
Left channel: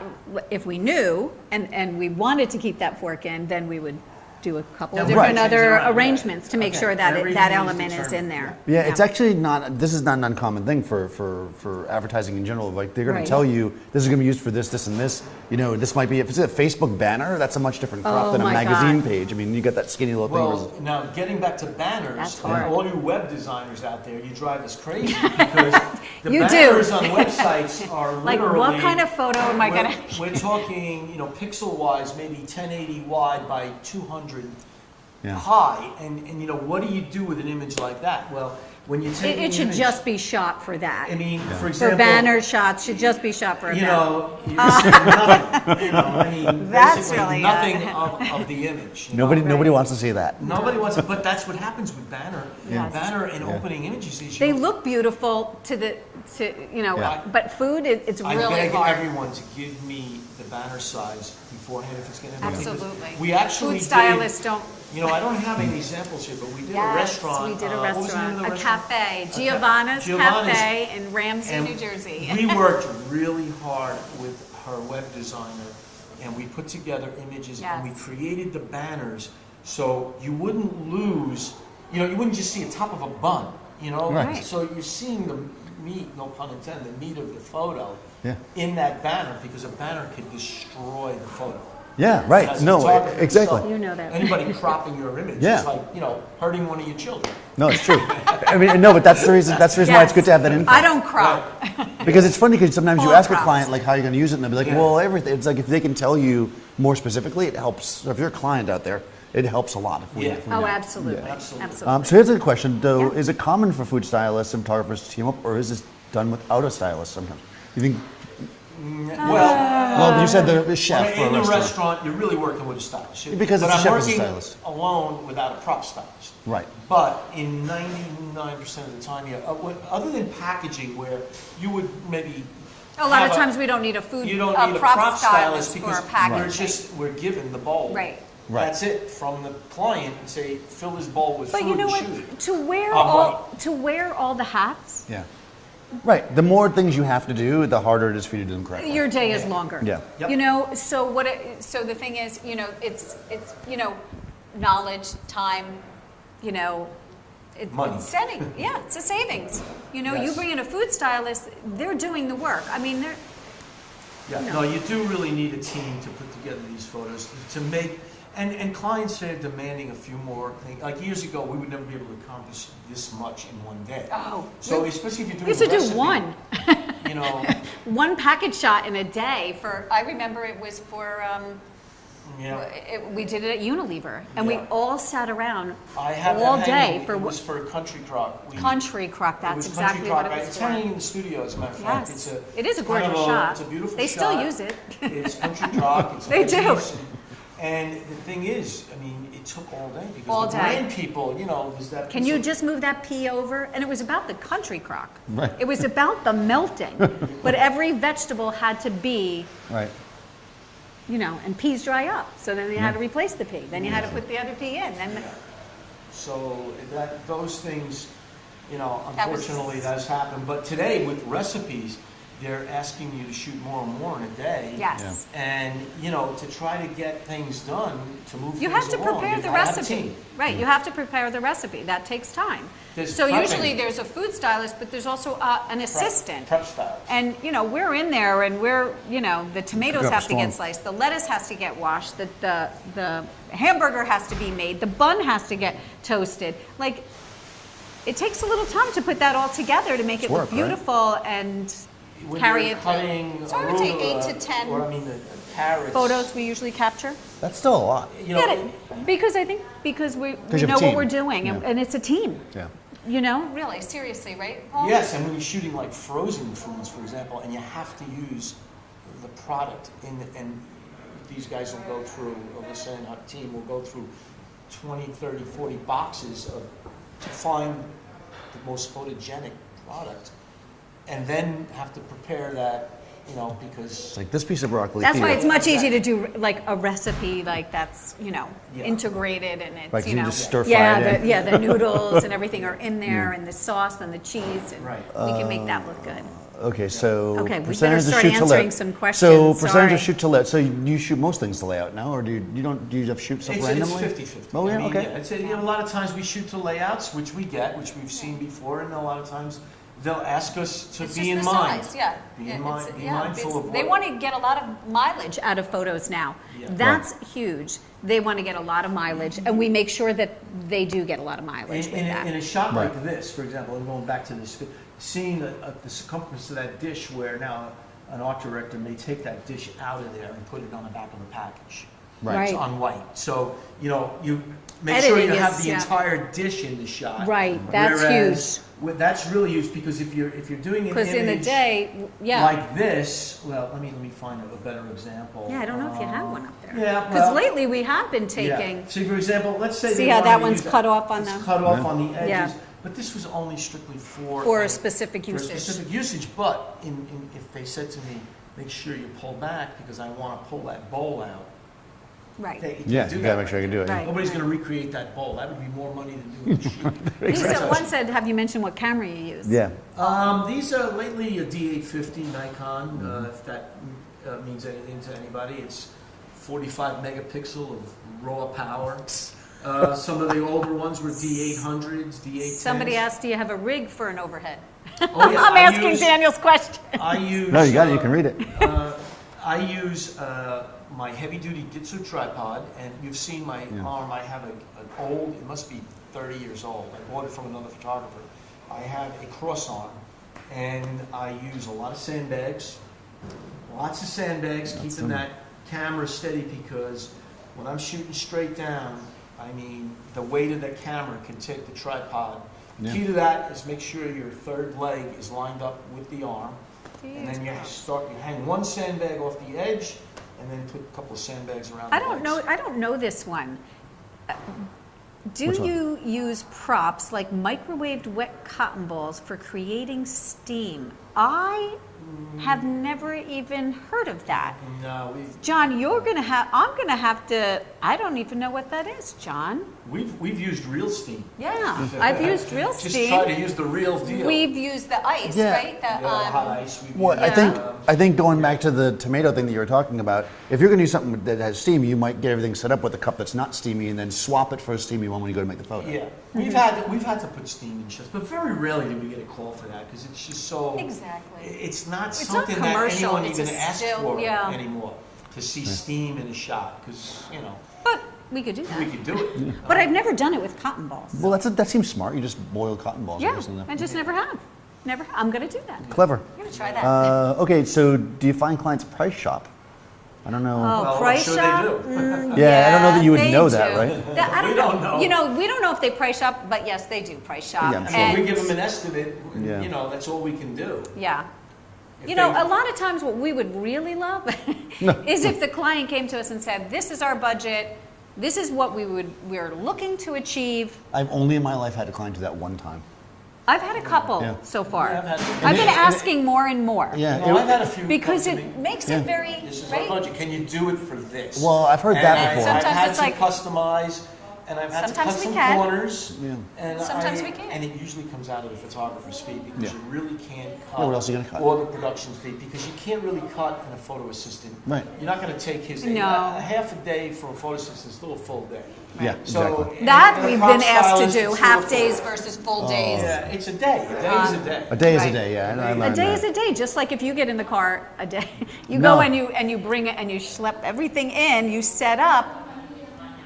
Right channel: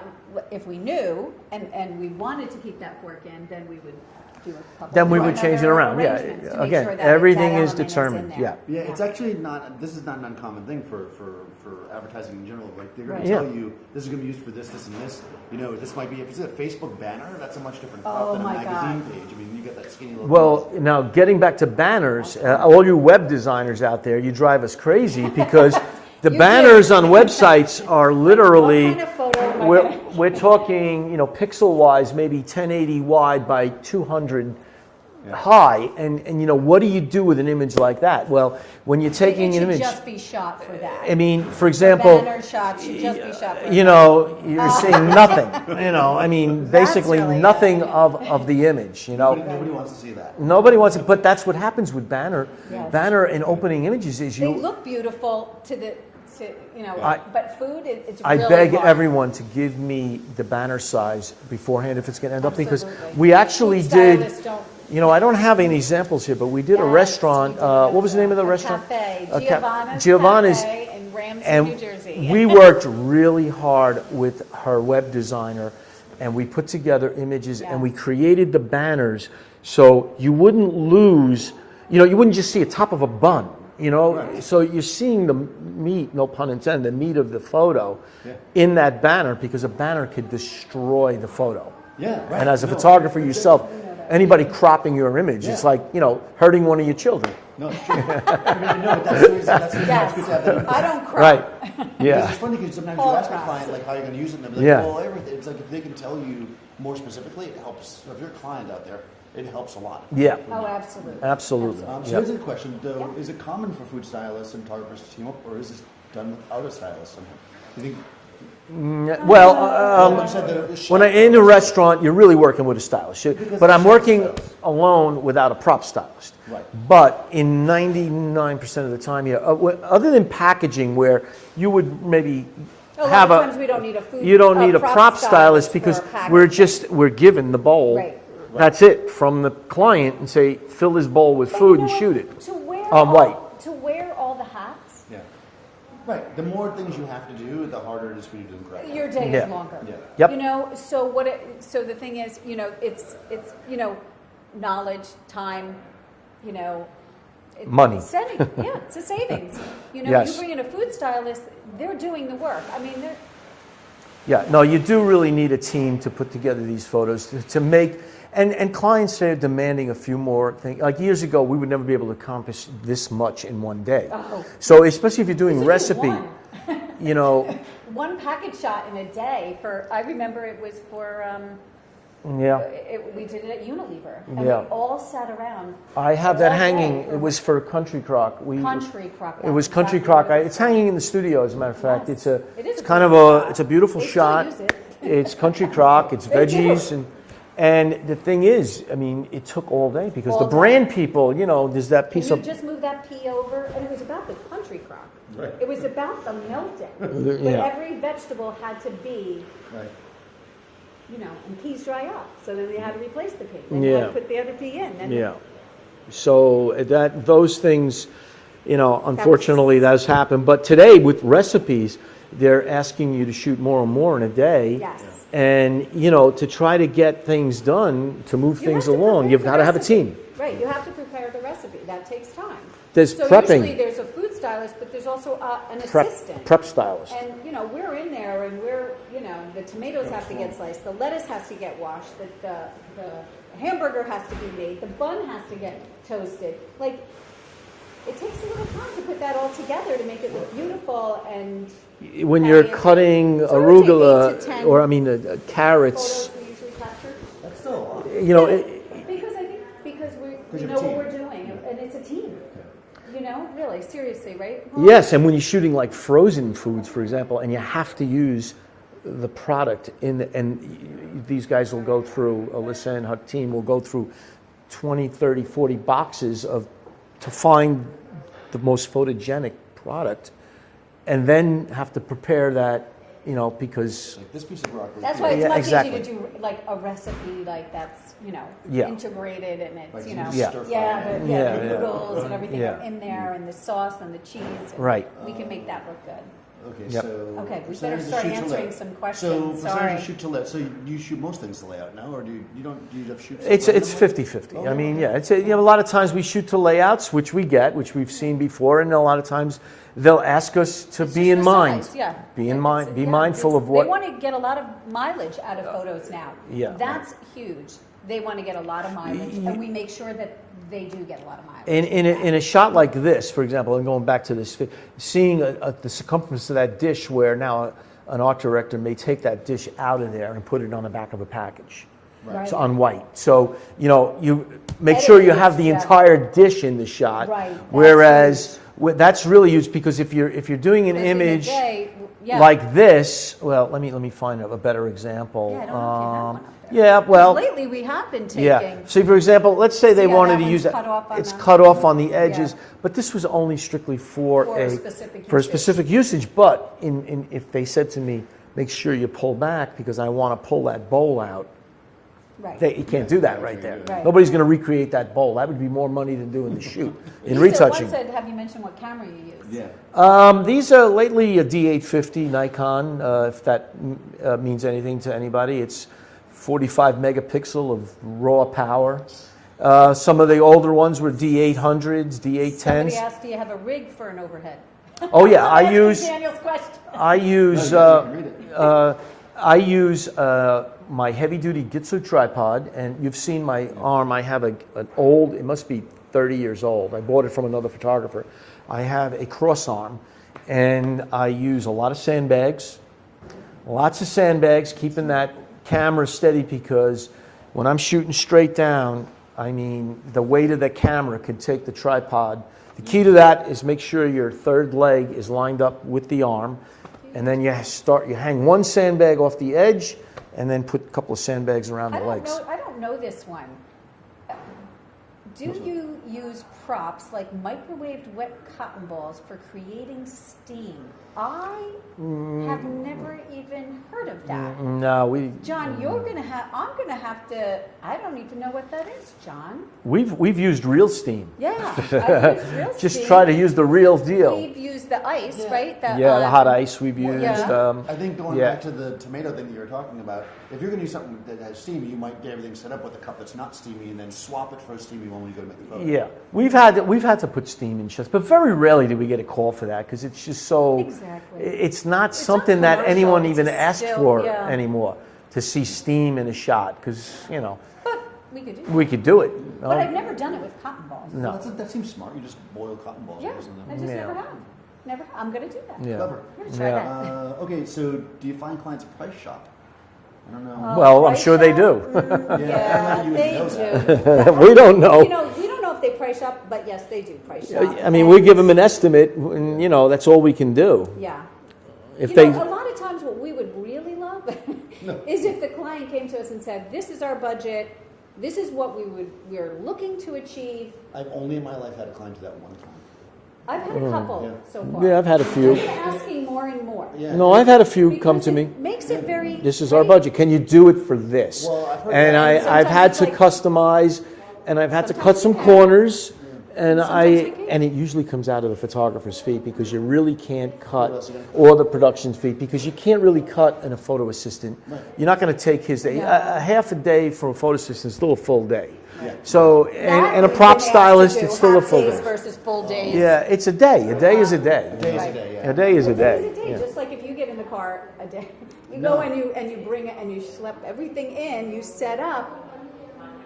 if we knew, and we wanted to keep that fork in, then we would do a couple Then we would different change it other around, yeah. arrangements to make Again, sure that everything that is element is in determined, there. Yeah, it's actually not, this is not an uncommon thing for advertising in general. Like, they're going Right. to tell you, this is going to be used for this, this, and this. You know, this might be, if it's a Facebook banner, that's a much different crop Oh than a my magazine God. page. I mean, you got that skinny little Well, now getting back to banners, That's hard. all you web designers out there, you drive us crazy because the You banners do. on websites are literally. Like, what kind of photo am I we're, gonna? we're talking, you know, pixel-wise, maybe 1080 wide by 200 Yeah. high, and you know, what do you do with an image like that? Well, when you're taking It an should image, just be shot for that. I mean, for For example, banner shots should just be shot for you that. know, you're seeing nothing. You know, I mean, That's basically really nothing it. of the image. You know? Nobody wants to see that. Nobody wants it, but that's what happens with banner. Yes. Banner and opening images is They you. look beautiful to you know, Yeah. but food, it's I really beg hard. everyone to give me the banner size beforehand if it's going to end up because Absolutely. we actually Food did. stylists don't. You know, I don't have any examples here, but we did a Yes, restaurant. we did a What was the name of the restaurant? A cafe, A ca- Giovanna's Giovanna's. Cafe in Ramsey, And New Jersey. we worked really hard with her web designer, and we put together images and we Yes. created the banners so you wouldn't lose. You know, you wouldn't just see a top of a bun. You know, Right. so you're seeing the meat, no pun intended, the meat of the photo Yeah. in that banner because a banner could destroy the photo. Yeah, right. And as a No, photographer exactly. yourself, You know that. anybody cropping your image, Yeah. it's like, you know, hurting one of your children. No, it's true. I mean, no, but that's the reason. That's the reason why it's good to have that info. I don't crop. Because it's funny because sometimes you All ask a crops. client like how you're going to use it, and they'll be like, Yeah. well, everything. It's like if they can tell you more specifically, it helps. So if you're a client out there, it helps a lot. Yeah. Oh, absolutely. Absolutely. So here's a question, though: Yeah. Is it common for food stylists and photographers to team up, or is this done without a stylist sometimes? You think? Well, you said the chef. when I'm in or a restaurant, you're really working with a stylist. Because but the I'm chef is a working stylist. alone without a prop stylist. Right. But in 99% of the time, yeah, other than packaging where you would maybe A lot have of times we don't need a food. you don't need a prop stylist for because packaging. we're given the bowl. Right. That's it from the client and say, fill this bowl with But food you know and what? shoot it. To wear all the hats, Yeah. Right. The more things you have to do, the harder it is for you to do them correctly. your day is Yeah. longer. Yeah. Yep. You know, so so the thing is, you know, it's you know, knowledge, time, you know, Money. setting. Yeah, it's a savings. You know, Yes. you bring in a food stylist, they're doing the work. I mean, they're Yeah, no, you do really need a team to put together these photos to make, and clients are demanding a few more things. Like years ago, we would never be able to accomplish this much in one day. Oh. So especially if you're we doing used to recipe, do one. you know, One package shot in a day for, I remember it was for, yeah. we did it at Unilever, and we Yeah. all sat around I have that all day hanging. for It was for Country Crock. Country Crock. It was that's Country exactly Crock. what it was It's for. hanging in the studio, as a matter of fact. Yes. It is a kind of great a, shot. it's a beautiful They shot. still use it. It's Country Crock. It's They do. veggies, and the thing is, I mean, it took all day because All the day. brand people, you know, there's that Can piece you of just move that pea over? And it was about the Country Crock. Right. It was about the melting. But every vegetable had to be, Right. you know, and peas dry up. So then you had to replace the pea. Then you had to Yeah. put the other pea in. Then Yeah. So those things, you know, unfortunately that's happened. But today with recipes, they're asking you to shoot more and more in a day. Yes. And, you know, to try to get things done, to move You have things to along, prepare you've the got to have a recipe. team. Right, you have to prepare the recipe. That takes time. There's so prepping. usually there's a food stylist, but there's also an assistant. Prep stylist. And, you know, we're in there and we're, you know, the tomatoes Cook up have to get strong. sliced, the lettuce has to get washed, the hamburger has to be made, the bun has to get toasted. Like, it takes a little time to put that all together to make it look work, right? beautiful and When carry you're it. cutting So I would say 8 arugula, to 10 or I mean carrots, photos we usually capture. That's still a lot. you know, Yeah, because I think we you have a know what team. we're doing, Yeah. and it's a team. Yeah. You know, really, seriously, right? Paul? yes, and when you're shooting like frozen foods, for example, and you have to use the product and these guys will go through, Alyssa and her team will go through 20, 30, 40 boxes to find the most photogenic product, and then have to prepare that, you know, because Like this piece of broccoli That's here. why it's Yeah, much exactly. easier to do like a recipe like that's, you know, Yeah. integrated and it's, Like you you know, just stir fry yeah, it in. the noodles and everything Yeah. are in there and the sauce and the cheese. And Right. We can make that look good. Okay, so Okay, we percentage better of start shoot to answering let. some So questions, percentage sorry. of shoot to let. So you shoot most things to layout now, or do you have shoots? it's randomly? 50-50. Oh, I yeah, mean, okay. yeah, it's you know, a lot of times we shoot to layouts, which we've seen before, and a lot of times they'll ask us to It's be just in the mind. size, yeah. Be in It's- mind. Be yeah, mindful of They what. want to get a lot of mileage out of photos now. Yeah. That's huge. They want to get a lot of mileage, and we make sure that they do get a lot of mileage. In with that. a shot like this, for example, and going back to this, seeing the circumference of that dish where now an art director may take that dish out of there and put it on the back of a package. Right. It's on white. So, you know, you make sure you Editing have is, the yeah. entire dish in the shot. Right, that's Whereas that's really huge because if you're doing an 'Cause in the image day, yeah. like this, well, let me find a better example. Yeah, I don't know if you have one up there. Yeah, 'Cause well, lately we have been taking. yeah. So, for example, let's say See they how wanted that to one's use cut off on it's the- cut off on the edges, Yeah. but this was only strictly for For a specific for a usage. specific usage. But if they said to me, make sure you pull back because I want to pull that bowl out, Right. you can't Yeah, do you that gotta make right sure you there. do it. Right. Nobody's going to recreate that bowl. That would be more money than doing the shoot. in Lisa retouching. once said, have you mentioned what camera you use? Yeah. These are lately a D850 Nikon, if that means anything to anybody. It's 45 megapixel of raw power. Some of the older ones were D800s, D810s. Somebody asked, do you have a rig for an overhead? Oh yeah, I'm I asking use Daniel's question. I use No, you got it. You can read it. I use my heavy-duty Gitsu tripod, and you've seen my arm. I have an old, it must be 30 years old. I bought it from another photographer. I have a cross arm, and I use a lot of sandbags, keeping that camera steady because when I'm shooting straight down, I mean, the weight of the camera could take the tripod. The key to that is make sure your third leg is lined up with the arm, and then you hang one sandbag off the edge, and then put a couple of sandbags around the legs. I don't know this one. Do you use props like microwaved wet cotton balls for creating steam? I have never even heard of that. No, John, I'm gonna have to, I don't even know what that is, John. we've used real steam. Yeah, I've used real steam. Just try to use the real deal. We've used the ice, Yeah. right? The hot ice we've Well, used. I think going yeah. back to the tomato thing that you were talking about, if you're going to do something that has steam, you might get everything set up with a cup that's not steamy, and then swap it for a steamy one when you go to make the photo. Yeah, we've had to put steam in shots, but very rarely do we get a call for that because it's just so. Exactly. It's not not something that commercial, anyone it's even a asks still- for yeah. anymore to see steam in a shot because But we could do that. we could do it. But I've never done it with cotton balls. Well, that seems smart. You just boil cotton balls. Yeah, isn't it? I just Yeah. never have. Never. I'm gonna do that. Yeah. Clever. I'm gonna try Yeah. that. Okay, so do you find clients price shop? I don't know. Well, I'm Price sure they shop? do. Yeah, I don't know that you would they know that, do. right? We don't know. You know, we don't know if they price shop, but yes, they do price shop. I mean, we And- give them an estimate, and Yeah. that's all we can do. Yeah. If You they, know, a lot of times what we would really love is if the client came to us and said, this is our budget, this is what we're looking to achieve. I've only in my life had a client do that one time. I've had a couple Yeah. so far. Yeah, I've had a few. I've been asking more and more. Yeah. no, I've had a few come Because to me. it makes it very. This is our right? budget. Can you do it for this? Well, I've heard and that. I've Sometimes had it's to like- customize, and I've had to cut Sometimes some we can. corners, and Sometimes we can. and it usually comes out of the photographer's fee because you really can't cut, What else are you gonna cut? or the production fee because you can't really cut in a photo assistant. Right. You're not going to take his day. No. A half a day for a photo assistant is still a full day. Yeah. So That and a we've prop been stylist asked to is do, still a half full days day. versus full days. Yeah, it's a day. A day is a day. A day is a Right. day, yeah. A day is A a day is day. a day, just like if you get in the car a day, you No. go and you bring it and you schlep everything in, you set up.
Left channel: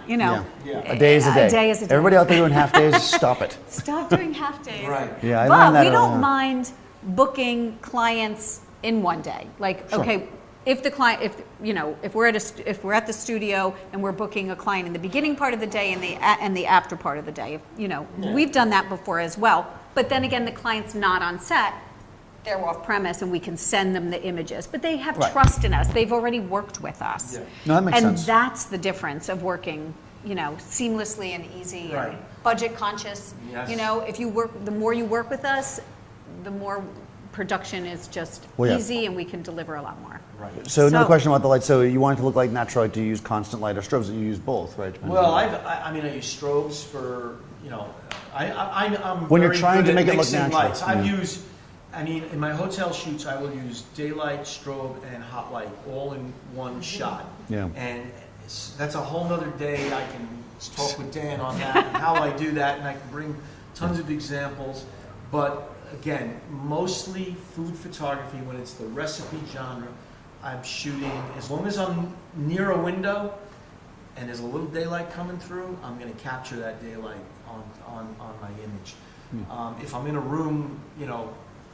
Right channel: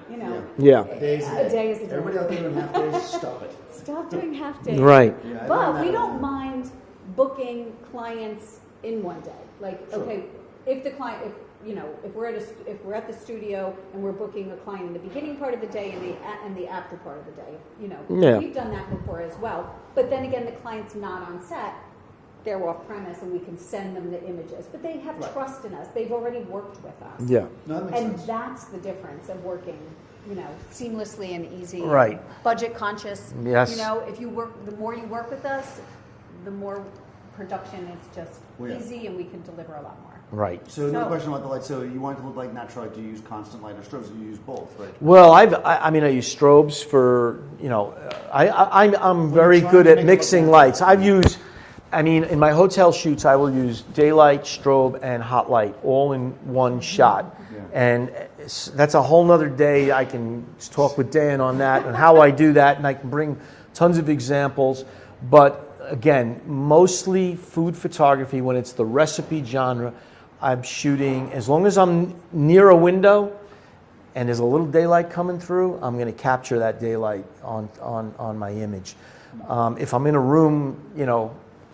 you know. Yeah. A day is a day. A day is a day. Everybody out there doing half days, stop it. Stop doing half days. Right. Yeah, I But learned that we don't early. mind booking clients in one day. Like, Sure. okay, if the client, if we're at the studio and we're booking a client in the beginning part of the day and the after part of the day, Yeah. we've done that before as well. But then again, the client's not on set. They're off premise and we can send them the images, but they have Right. trust in us. They've already worked with us. Yeah. No, that makes And sense. that's the difference of working, seamlessly and easy. and Right. budget conscious. Yes. If you work, the more you work with us, the more production is just Well, yeah. easy and we can deliver a lot more. Right. So another So- question about the light. So you want it to look like natural light? Do you use constant light or strobes? You use both, right? Well, I use strobes for, I'm When you're very trying good to at make it look mixing natural. lights. In my hotel shoots, I will use daylight, strobe, and hot light all in one shot. Yeah. And that's a whole nother day. I can talk with Dan on that and how I do that, and I can bring tons of examples. But again, mostly food photography, when it's the recipe genre, I'm shooting, as long as I'm near a window and there's a little daylight coming through, I'm going to capture that daylight on my image. If I'm in a room,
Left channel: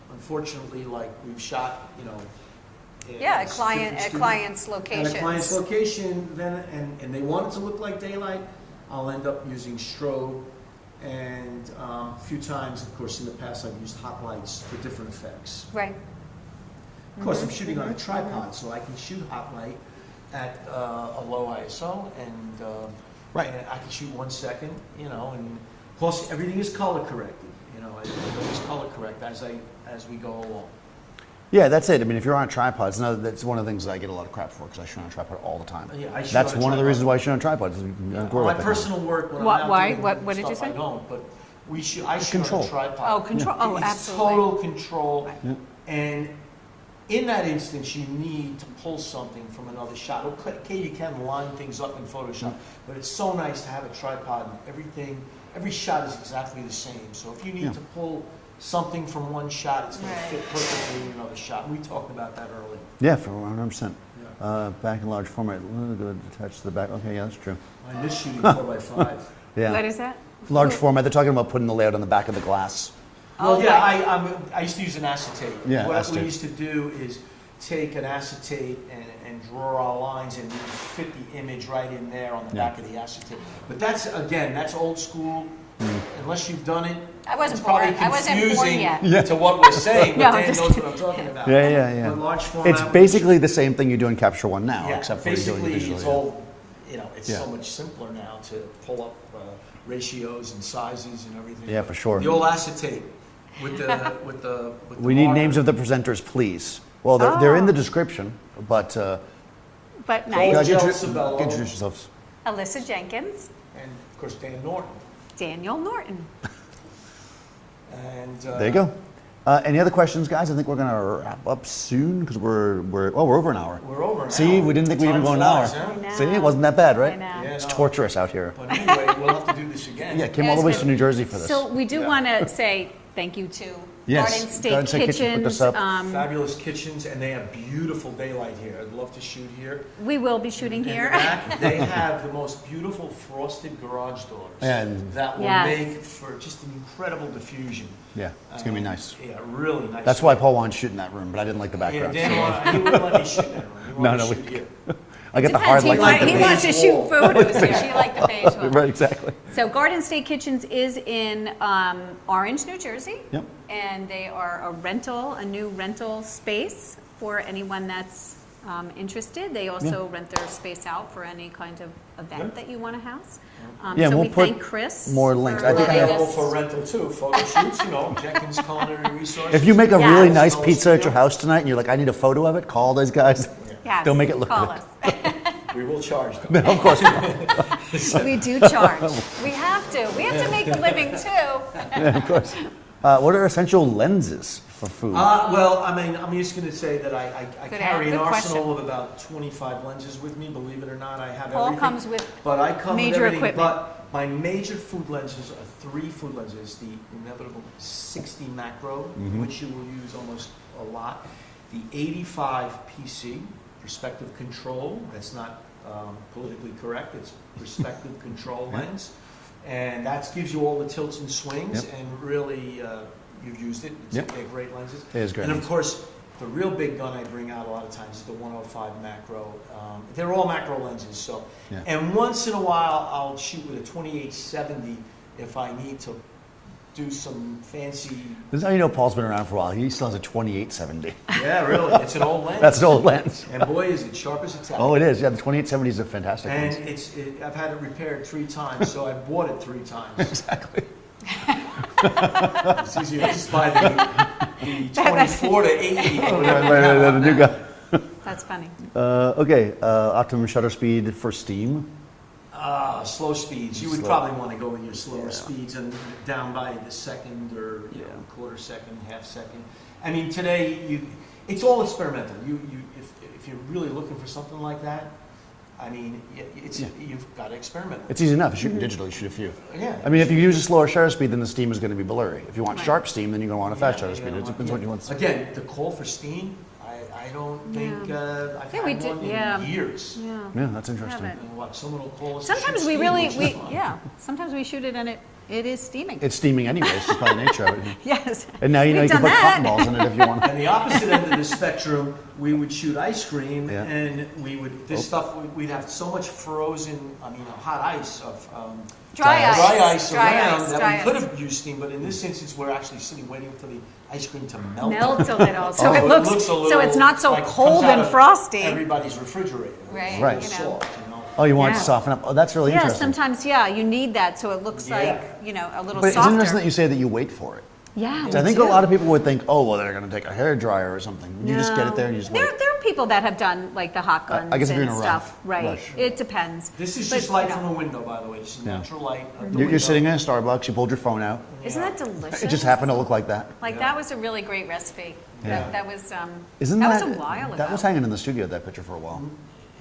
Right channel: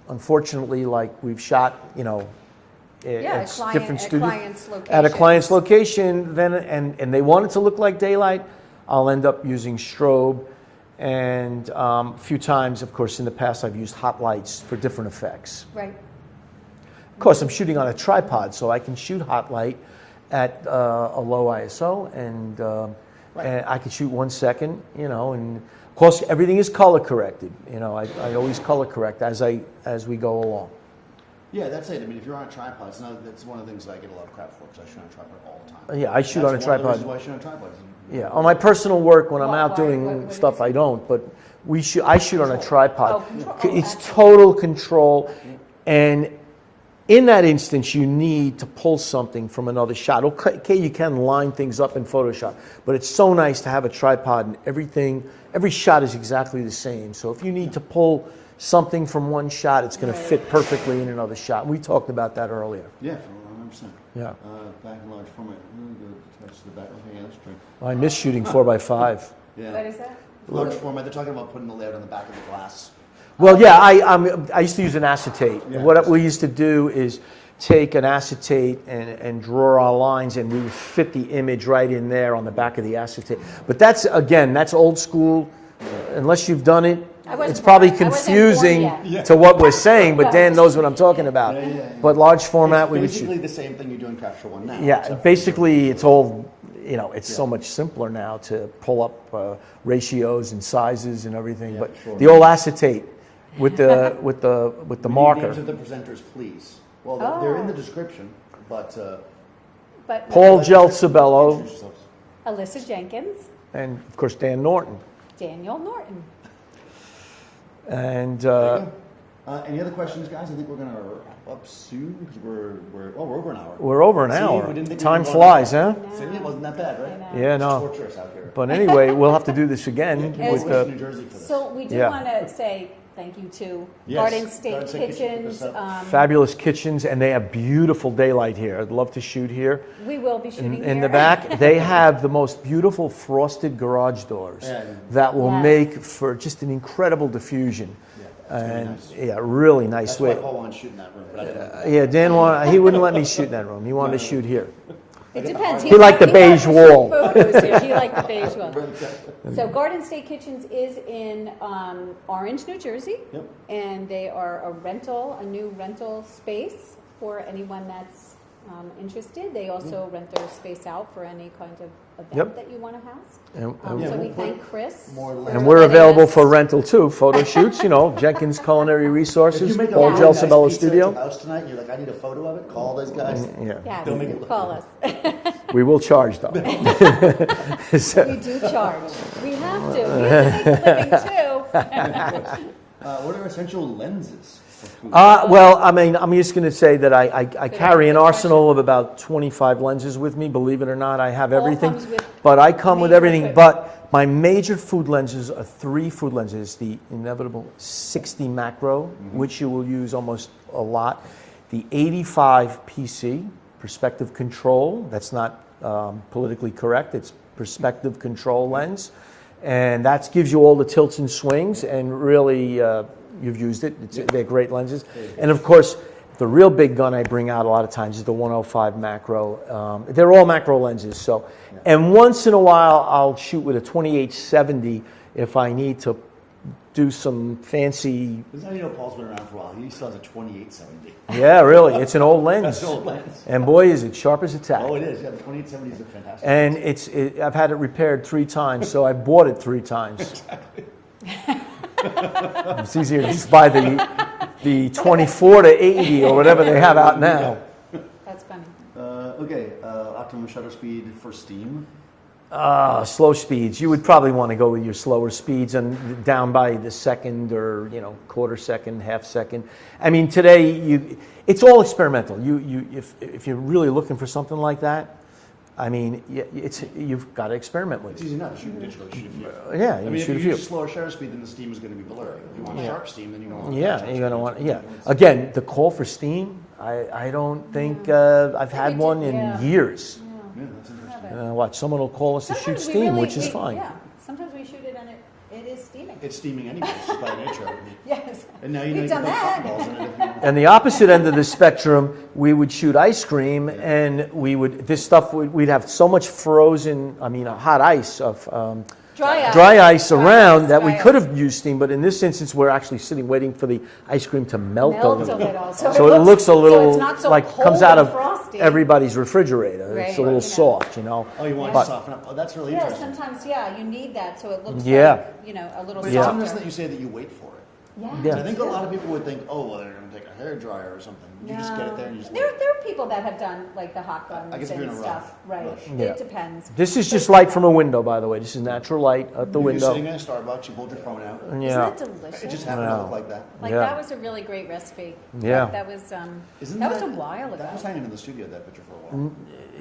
unfortunately, like we've shot, Yeah, it's at different studio- client's location. at a client's location, then and they want it to look like daylight, I'll end up using strobe. And a few times, of course, in the past, I've used hot lights for different effects. Right. Of course, I'm shooting on a tripod, so I can shoot hot light at a low ISO, and I can shoot 1 second, and of course, everything is color corrected. I always color correct as we go along. Yeah, that's it. I mean, if you're on a tripod, that's one of the things that I get a lot of crap for because I shoot on a tripod all the time. Yeah, I shoot that's on a one tripod. of the reasons why I shoot on tripods. Yeah, on my personal work, when I'm out Why? doing What did stuff, you say? I don't. But I shoot on a Control. tripod. Oh, control. Oh, It's absolutely. total control, and in that instance, you need to pull something from another shot. Okay, you can line things up in Photoshop, but it's so nice to have a tripod, and every shot is exactly the same. So if you need to pull something from one shot, it's going to Right. fit perfectly in another shot. We talked about that earlier. Yeah, for 100%. Yeah. Back in large format. Good attached to the back. Okay, yeah, that's true. I miss shooting 4x5. Yeah. What is that? Large format. They're talking about putting the layout on the back of the glass. Well, yeah, I used to use an acetate. Yeah, What we acetate. used to do is take an acetate and draw our lines, and we would fit the image right in there on the back of the acetate. But that's old school. Unless you've done it, I wasn't it's probably born. I wasn't born confusing yet. to what we're saying, but No, Dan just- knows what I'm talking about. Yeah. But large format, It's basically the same thing you do in Capture One now. yeah, except for basically doing it's visual, all, it's so much simpler now to pull up ratios and sizes and everything. Yeah, But for sure. The old acetate with the We marker. need names of the presenters, please. Well, they're in the description, but But Paul nice. Gelsobello. introduce yourselves. Alyssa Jenkins, And of course, Dan Norton. Daniel Norton. And There you go. Any other questions, guys? I think we're going to wrap up soon because we're over an hour. we're over an See, hour. we didn't think Time we'd go an flies, hour. huh? I See, it know. wasn't that bad, right? I know. Yeah, It's no. torturous out here. But anyway, we'll have to do this again. Yeah, came all the way to New Jersey for this. So we do Yeah. want to say thank you to Yes, Garden State Garden State Kitchen put this Kitchens. up. Fabulous kitchens, and they have beautiful daylight here. I'd love to shoot here. We will be shooting In here. the back, they have the most beautiful frosted garage doors And- that will Yes. make for just an incredible diffusion. Yeah, it's going to be And, nice. Yeah, really nice. That's why Paul wanted to shoot in that room, but I didn't like the background. Yeah, Dan he wouldn't let me shoot in that room. He wanted No, to no, shoot here. I get the Depends. hard He We look. like the he wants beige to shoot wall. Photos here. She liked the beige wall. Right, exactly. So Garden State Kitchens is in Orange, New Jersey. Yep. And they are a new rental space for anyone that's interested. They also rent their space out for any kind of event Yep. that you want to house. And- Yeah, So we'll we put thank Chris. more links. And for we're letting available us- for rental too, photo shoots, Jenkins Culinary Resources. If you make a Yeah. really nice Gelsobello pizza at Studio. your house tonight and you're like, I need a photo of it, call those guys. Yeah. Yes, They'll make it look call good. us. We will charge them. We do charge. We have to. We have to make a living too. What are essential lenses for food? Well, I'm just going to say that I carry an good arsenal of about 25 lenses with me. Believe it or not, I have All everything. comes with But I come with major everything. equipment. But my major food lenses are 3 food lenses. The inevitable 60 macro, which you will use almost a lot. The 85 PC, perspective control. That's not politically correct. It's perspective control lens, and that gives you all the tilts and swings, and really you've used it. They're great lenses. It is great. And of course, the real big gun I bring out a lot of times is the 105 macro. They're all macro lenses. So, and once in a while I'll shoot with a 2870 if I need to do some fancy. This is how you know Paul's been around for a while. He still has a 2870. Yeah, really, it's an old lens. That's an old lens. And boy, is it sharp as a tack. Oh, it is. Yeah, the 2870 is a fantastic And lens. I've had it repaired 3 times, so I bought it 3 times. Exactly. It's easier to just buy the 24 to 80 or whatever they have out now. That's funny. Okay, optimum shutter speed for Steam. Slow speeds. You would probably want to go with your slower speeds and down by the second or quarter second, half second. I mean, today it's all experimental. If you're really looking for something like that, I mean, you've got to experiment with it. It's easy enough. Shooting digital, you shoot a few. Yeah. I mean, if you use a slower shutter speed, then the Steam is going to be blurry. If you want sharp Steam, then you're going to want a fast shutter speed. Depends what you want. Again, the call for Steam, I don't think I've had one in years. Yeah, that's interesting. Watch, someone will call us to shoot Sometimes we Steam, really, which is fine. sometimes we shoot it and it is steaming. It's steaming anyway. It's just by the nature of it. Yes. And now you know you We've can done put that. cotton balls in it if you want. And the opposite end of the spectrum, we would shoot ice cream, and we'd have so much hot ice of Dry ice around ice, that dry we could ice. have used steam, but in this instance, we're actually sitting waiting for the ice cream to melt Melt a a little. So, So it looks a little so it's not so like cold comes out and of frosty. everybody's refrigerator. Right, It's a little right. soft, Oh, you want it to Yeah. soften up? Oh, that's really Yeah, interesting. sometimes, you need that so it looks Yeah. like, a little But it's softer. interesting that you say that you wait for it. Yeah, I me think too. a lot of people would think, oh, well, they're going to take a hair dryer or something. You just get it there and you just wait. There are people that have done like the hot guns I guess if you're and in a stuff. rush. Right. It depends. This is But, just light from a window, by the way. This is natural light at the You're window. sitting in a Starbucks, you pulled your phone out. Isn't that delicious? It just happened to look like that. Like Yeah. that was a really great recipe. Yeah. That was Isn't that was a while ago. That was hanging in the studio, that picture, for a while.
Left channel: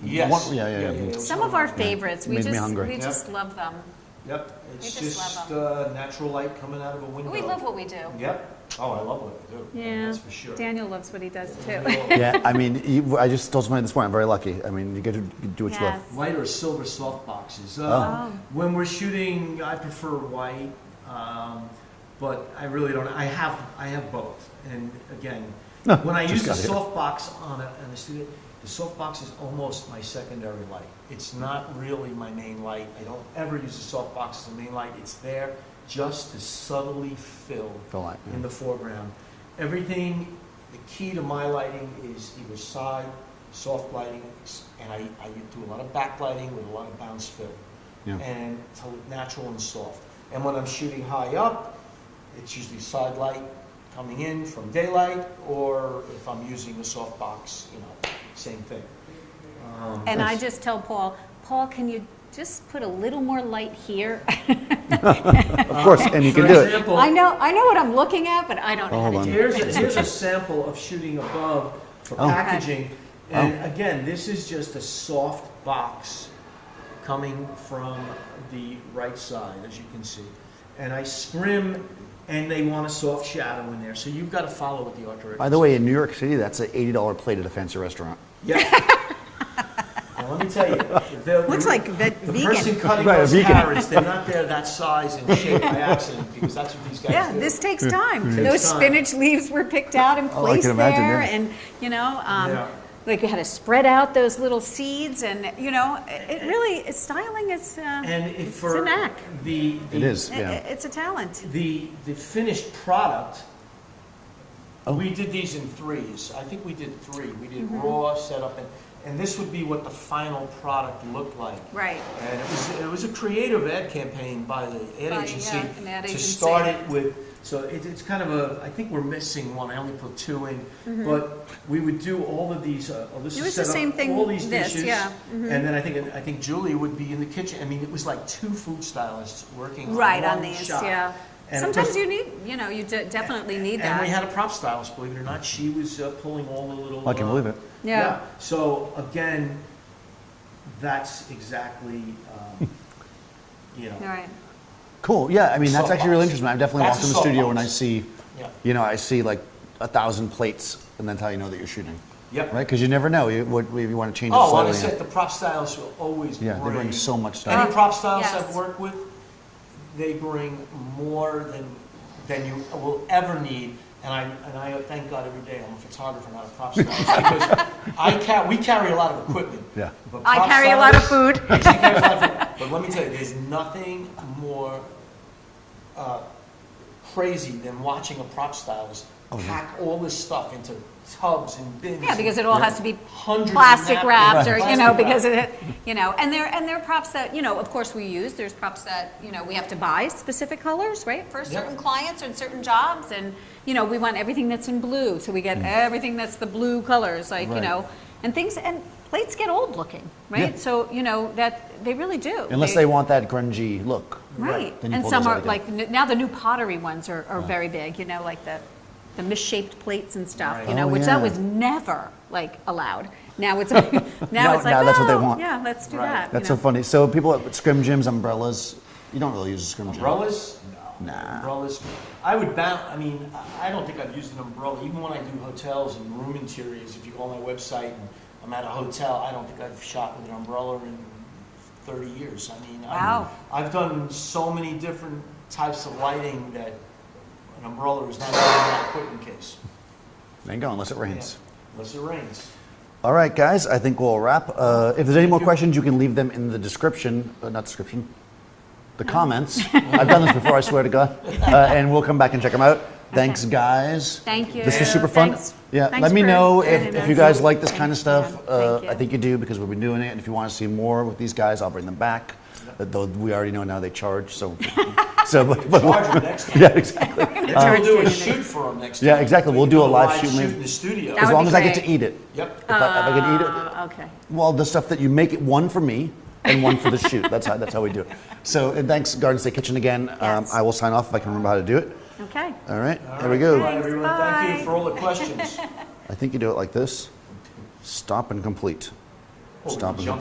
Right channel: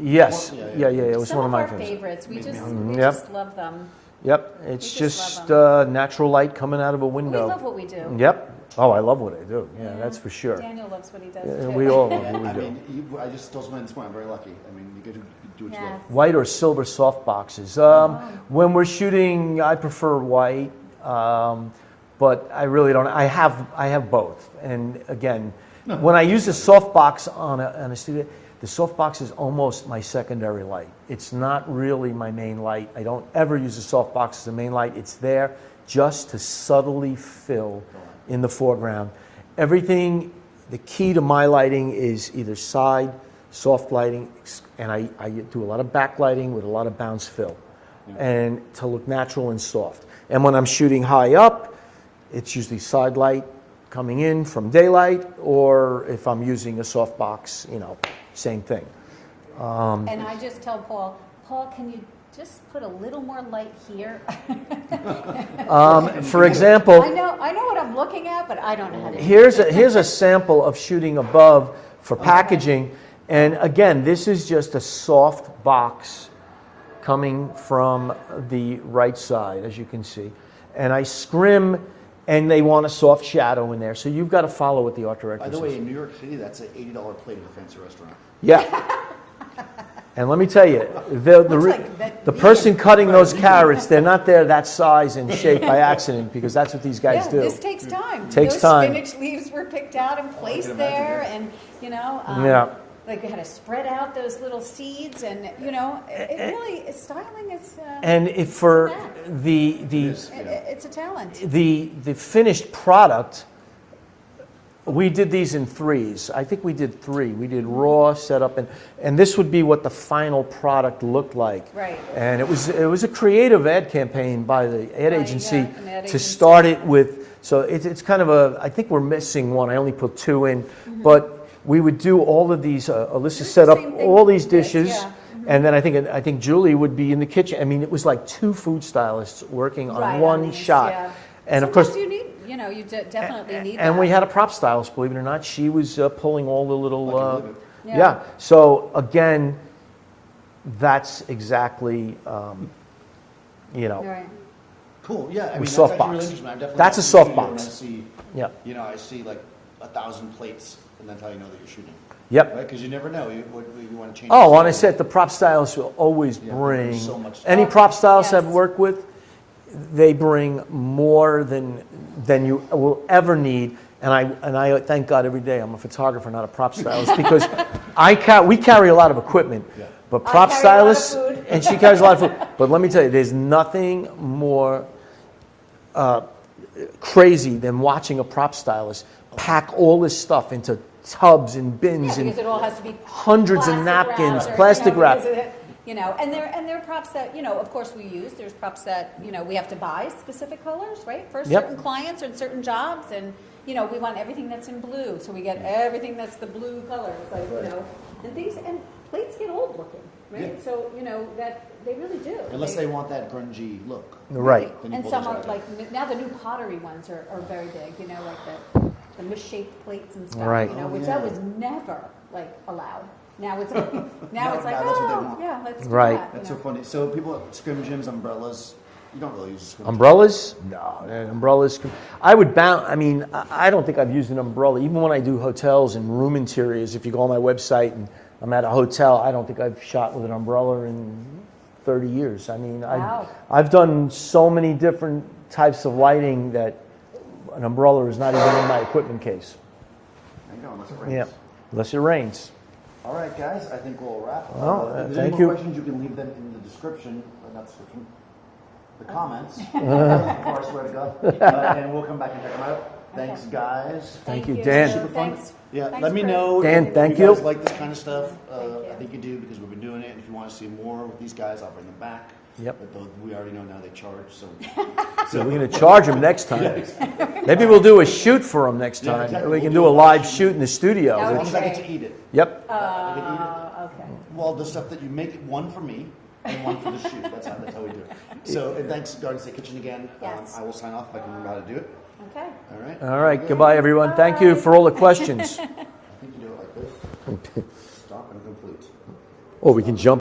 Yes. Yeah. It was Some one of my our favorites. favorites. We Made me just hungry. we Yep. just love them. Yep. It's We just just love natural light coming out of a window. We love what we do. Yep. Oh, I love what I do. Yeah, that's for sure. Daniel loves what he does Yeah, too. we all Yeah, I mean, I just told somebody this morning, I'm very lucky. I mean, you get to do what you love. Yes. White or silver soft boxes. When we're shooting, I prefer white, but I really don't. I have both. And again, when I use the soft box on a studio, the soft box is almost my secondary light. It's not really my main light. I don't ever use the soft box as a main light. It's there just to subtly fill light. in the foreground. Everything, the key to my lighting is either side, soft lighting, and I do a lot of backlighting with a lot of bounce fill, and to look natural and soft. And when I'm shooting high up, it's usually side light coming in from daylight, or if I'm using a soft box, same thing. And I just tell Paul, can you just put a little more light here? Of course, and you For can do it. example, I know what I'm looking at, but I don't know how to do it. here's a sample of shooting above for packaging. And again, this is just a soft box coming from the right side, as you can see. And I scrim, and they want a soft shadow in there. So you've got to follow what the art director By the way, in New York City, that's an $80 plate at a fancy restaurant. Yeah. And let me tell you, the Looks like the vegan. person cutting Right, those vegan. carrots, they're not there that size and shape by accident, because that's what these guys Yeah, do. this takes time. Takes Those time. spinach leaves were picked out and Oh, I placed can imagine, there, yeah. and Yeah. like we had to spread out those little seeds, and it really styling is. And if it's for a knack. the It is, yeah. It's a talent. the finished product, we did these in threes. I think we did 3. We did raw, setup, and this would be what the final product looked like. Right. And it was a creative ad campaign by the ad By, agency yeah, an ad to agency. start it with. So it's kind of I think we're missing one. I only put 2 in, but we would do all of these. Alyssa It was set the up same thing all these with this, dishes, yeah. and then I think Julie would be in the kitchen. I mean, it was like 2 food stylists working on Right one on these, shot. yeah. And of Sometimes course, you need, you definitely need that. and we had a prop stylist, believe it or not. She was pulling all the little. I can believe it. Yeah. So again, that's exactly, Right. Cool. Yeah, I mean, soft that's actually really box. interesting. I've definitely That's walked a in the soft studio box. and I see, Yeah. I see like 1,000 plates, and that's how you know that you're shooting. Yep. Right? Because you never know what you want to change. Oh, it on a slightly. set, the prop stylists will always Yeah, they bring bring so much stuff. Any prop stylists Yes. I've worked with, they bring more than you will ever need. And I thank God every day I'm a photographer, not a prop stylist, because we carry a lot of equipment. Yeah. But I prop carry a lot of stylists, food. and she carries a lot of food. But let me tell you, there's nothing more crazy than watching a prop stylist pack all this stuff into tubs and bins. Yeah, because and it all has to be hundreds of plastic napkins, wraps, or plastic wrap. because and there are props that of course we use. There's props that we have to buy specific colors, right, for Yep. certain clients and certain jobs, and we want everything that's in blue, so we get everything that's the blue colors, like Right. and things, and plates get old looking, right? Yeah. So that they really do. Unless they want that grungy look. Right. Then you And pull some those are out like now the new pottery ones are very big, like the misshaped plates and stuff, Right. Oh, which yeah. that was never like allowed. Now it's now Now- it's like, now that's what they "Oh, want." Yeah, let's do Right. that. That's so funny. So people at scrim gyms, umbrellas. You don't really use a scrim gym. Umbrellas? No, umbrellas. I would bound. I mean, I don't think I've used an umbrella. Even when I do hotels and room interiors, if you go on my website and I'm at a hotel, I don't think I've shot with an umbrella in 30 years. I mean, Wow. I've done so many different types of lighting that an umbrella is not even in my equipment case. There you go, unless it Yeah, rains. unless it rains. All right, guys, I think we'll wrap. Well, If there's any thank more you. questions, you can leave them in the description, not description, the comments. I've done this before, I swear to God. And we'll come back and check them out. Thanks, guys. Thank you. This is super fun. Thanks. Yeah, Thanks let me for know doing if this. you Thank guys you. like this kind of Thank stuff. you. Thank you. I think you do because we've been doing it. And if you want to see more with these guys, I'll bring them back. Yep. Though we already know now they charge, so. I'm going to charge them next time. Yeah, exactly. Maybe we'll do a shoot for them next time. Yeah, exactly. We We'll can do do a a live live shoot. shoot in the studio. That As would long be as I get to great. eat it. Yep. If I can eat it. Okay. Well, the stuff that you make it, one for me and one for the shoot. That's how we do it. So, and thanks, Garden State Kitchen again. Yes. I will sign off if I can remember how to do it. Okay. All right. All Here right. we go. Goodbye, everyone. Thank you Bye. for all the questions. I think you do it like this. Stop and complete. Oh, we Stop can and jump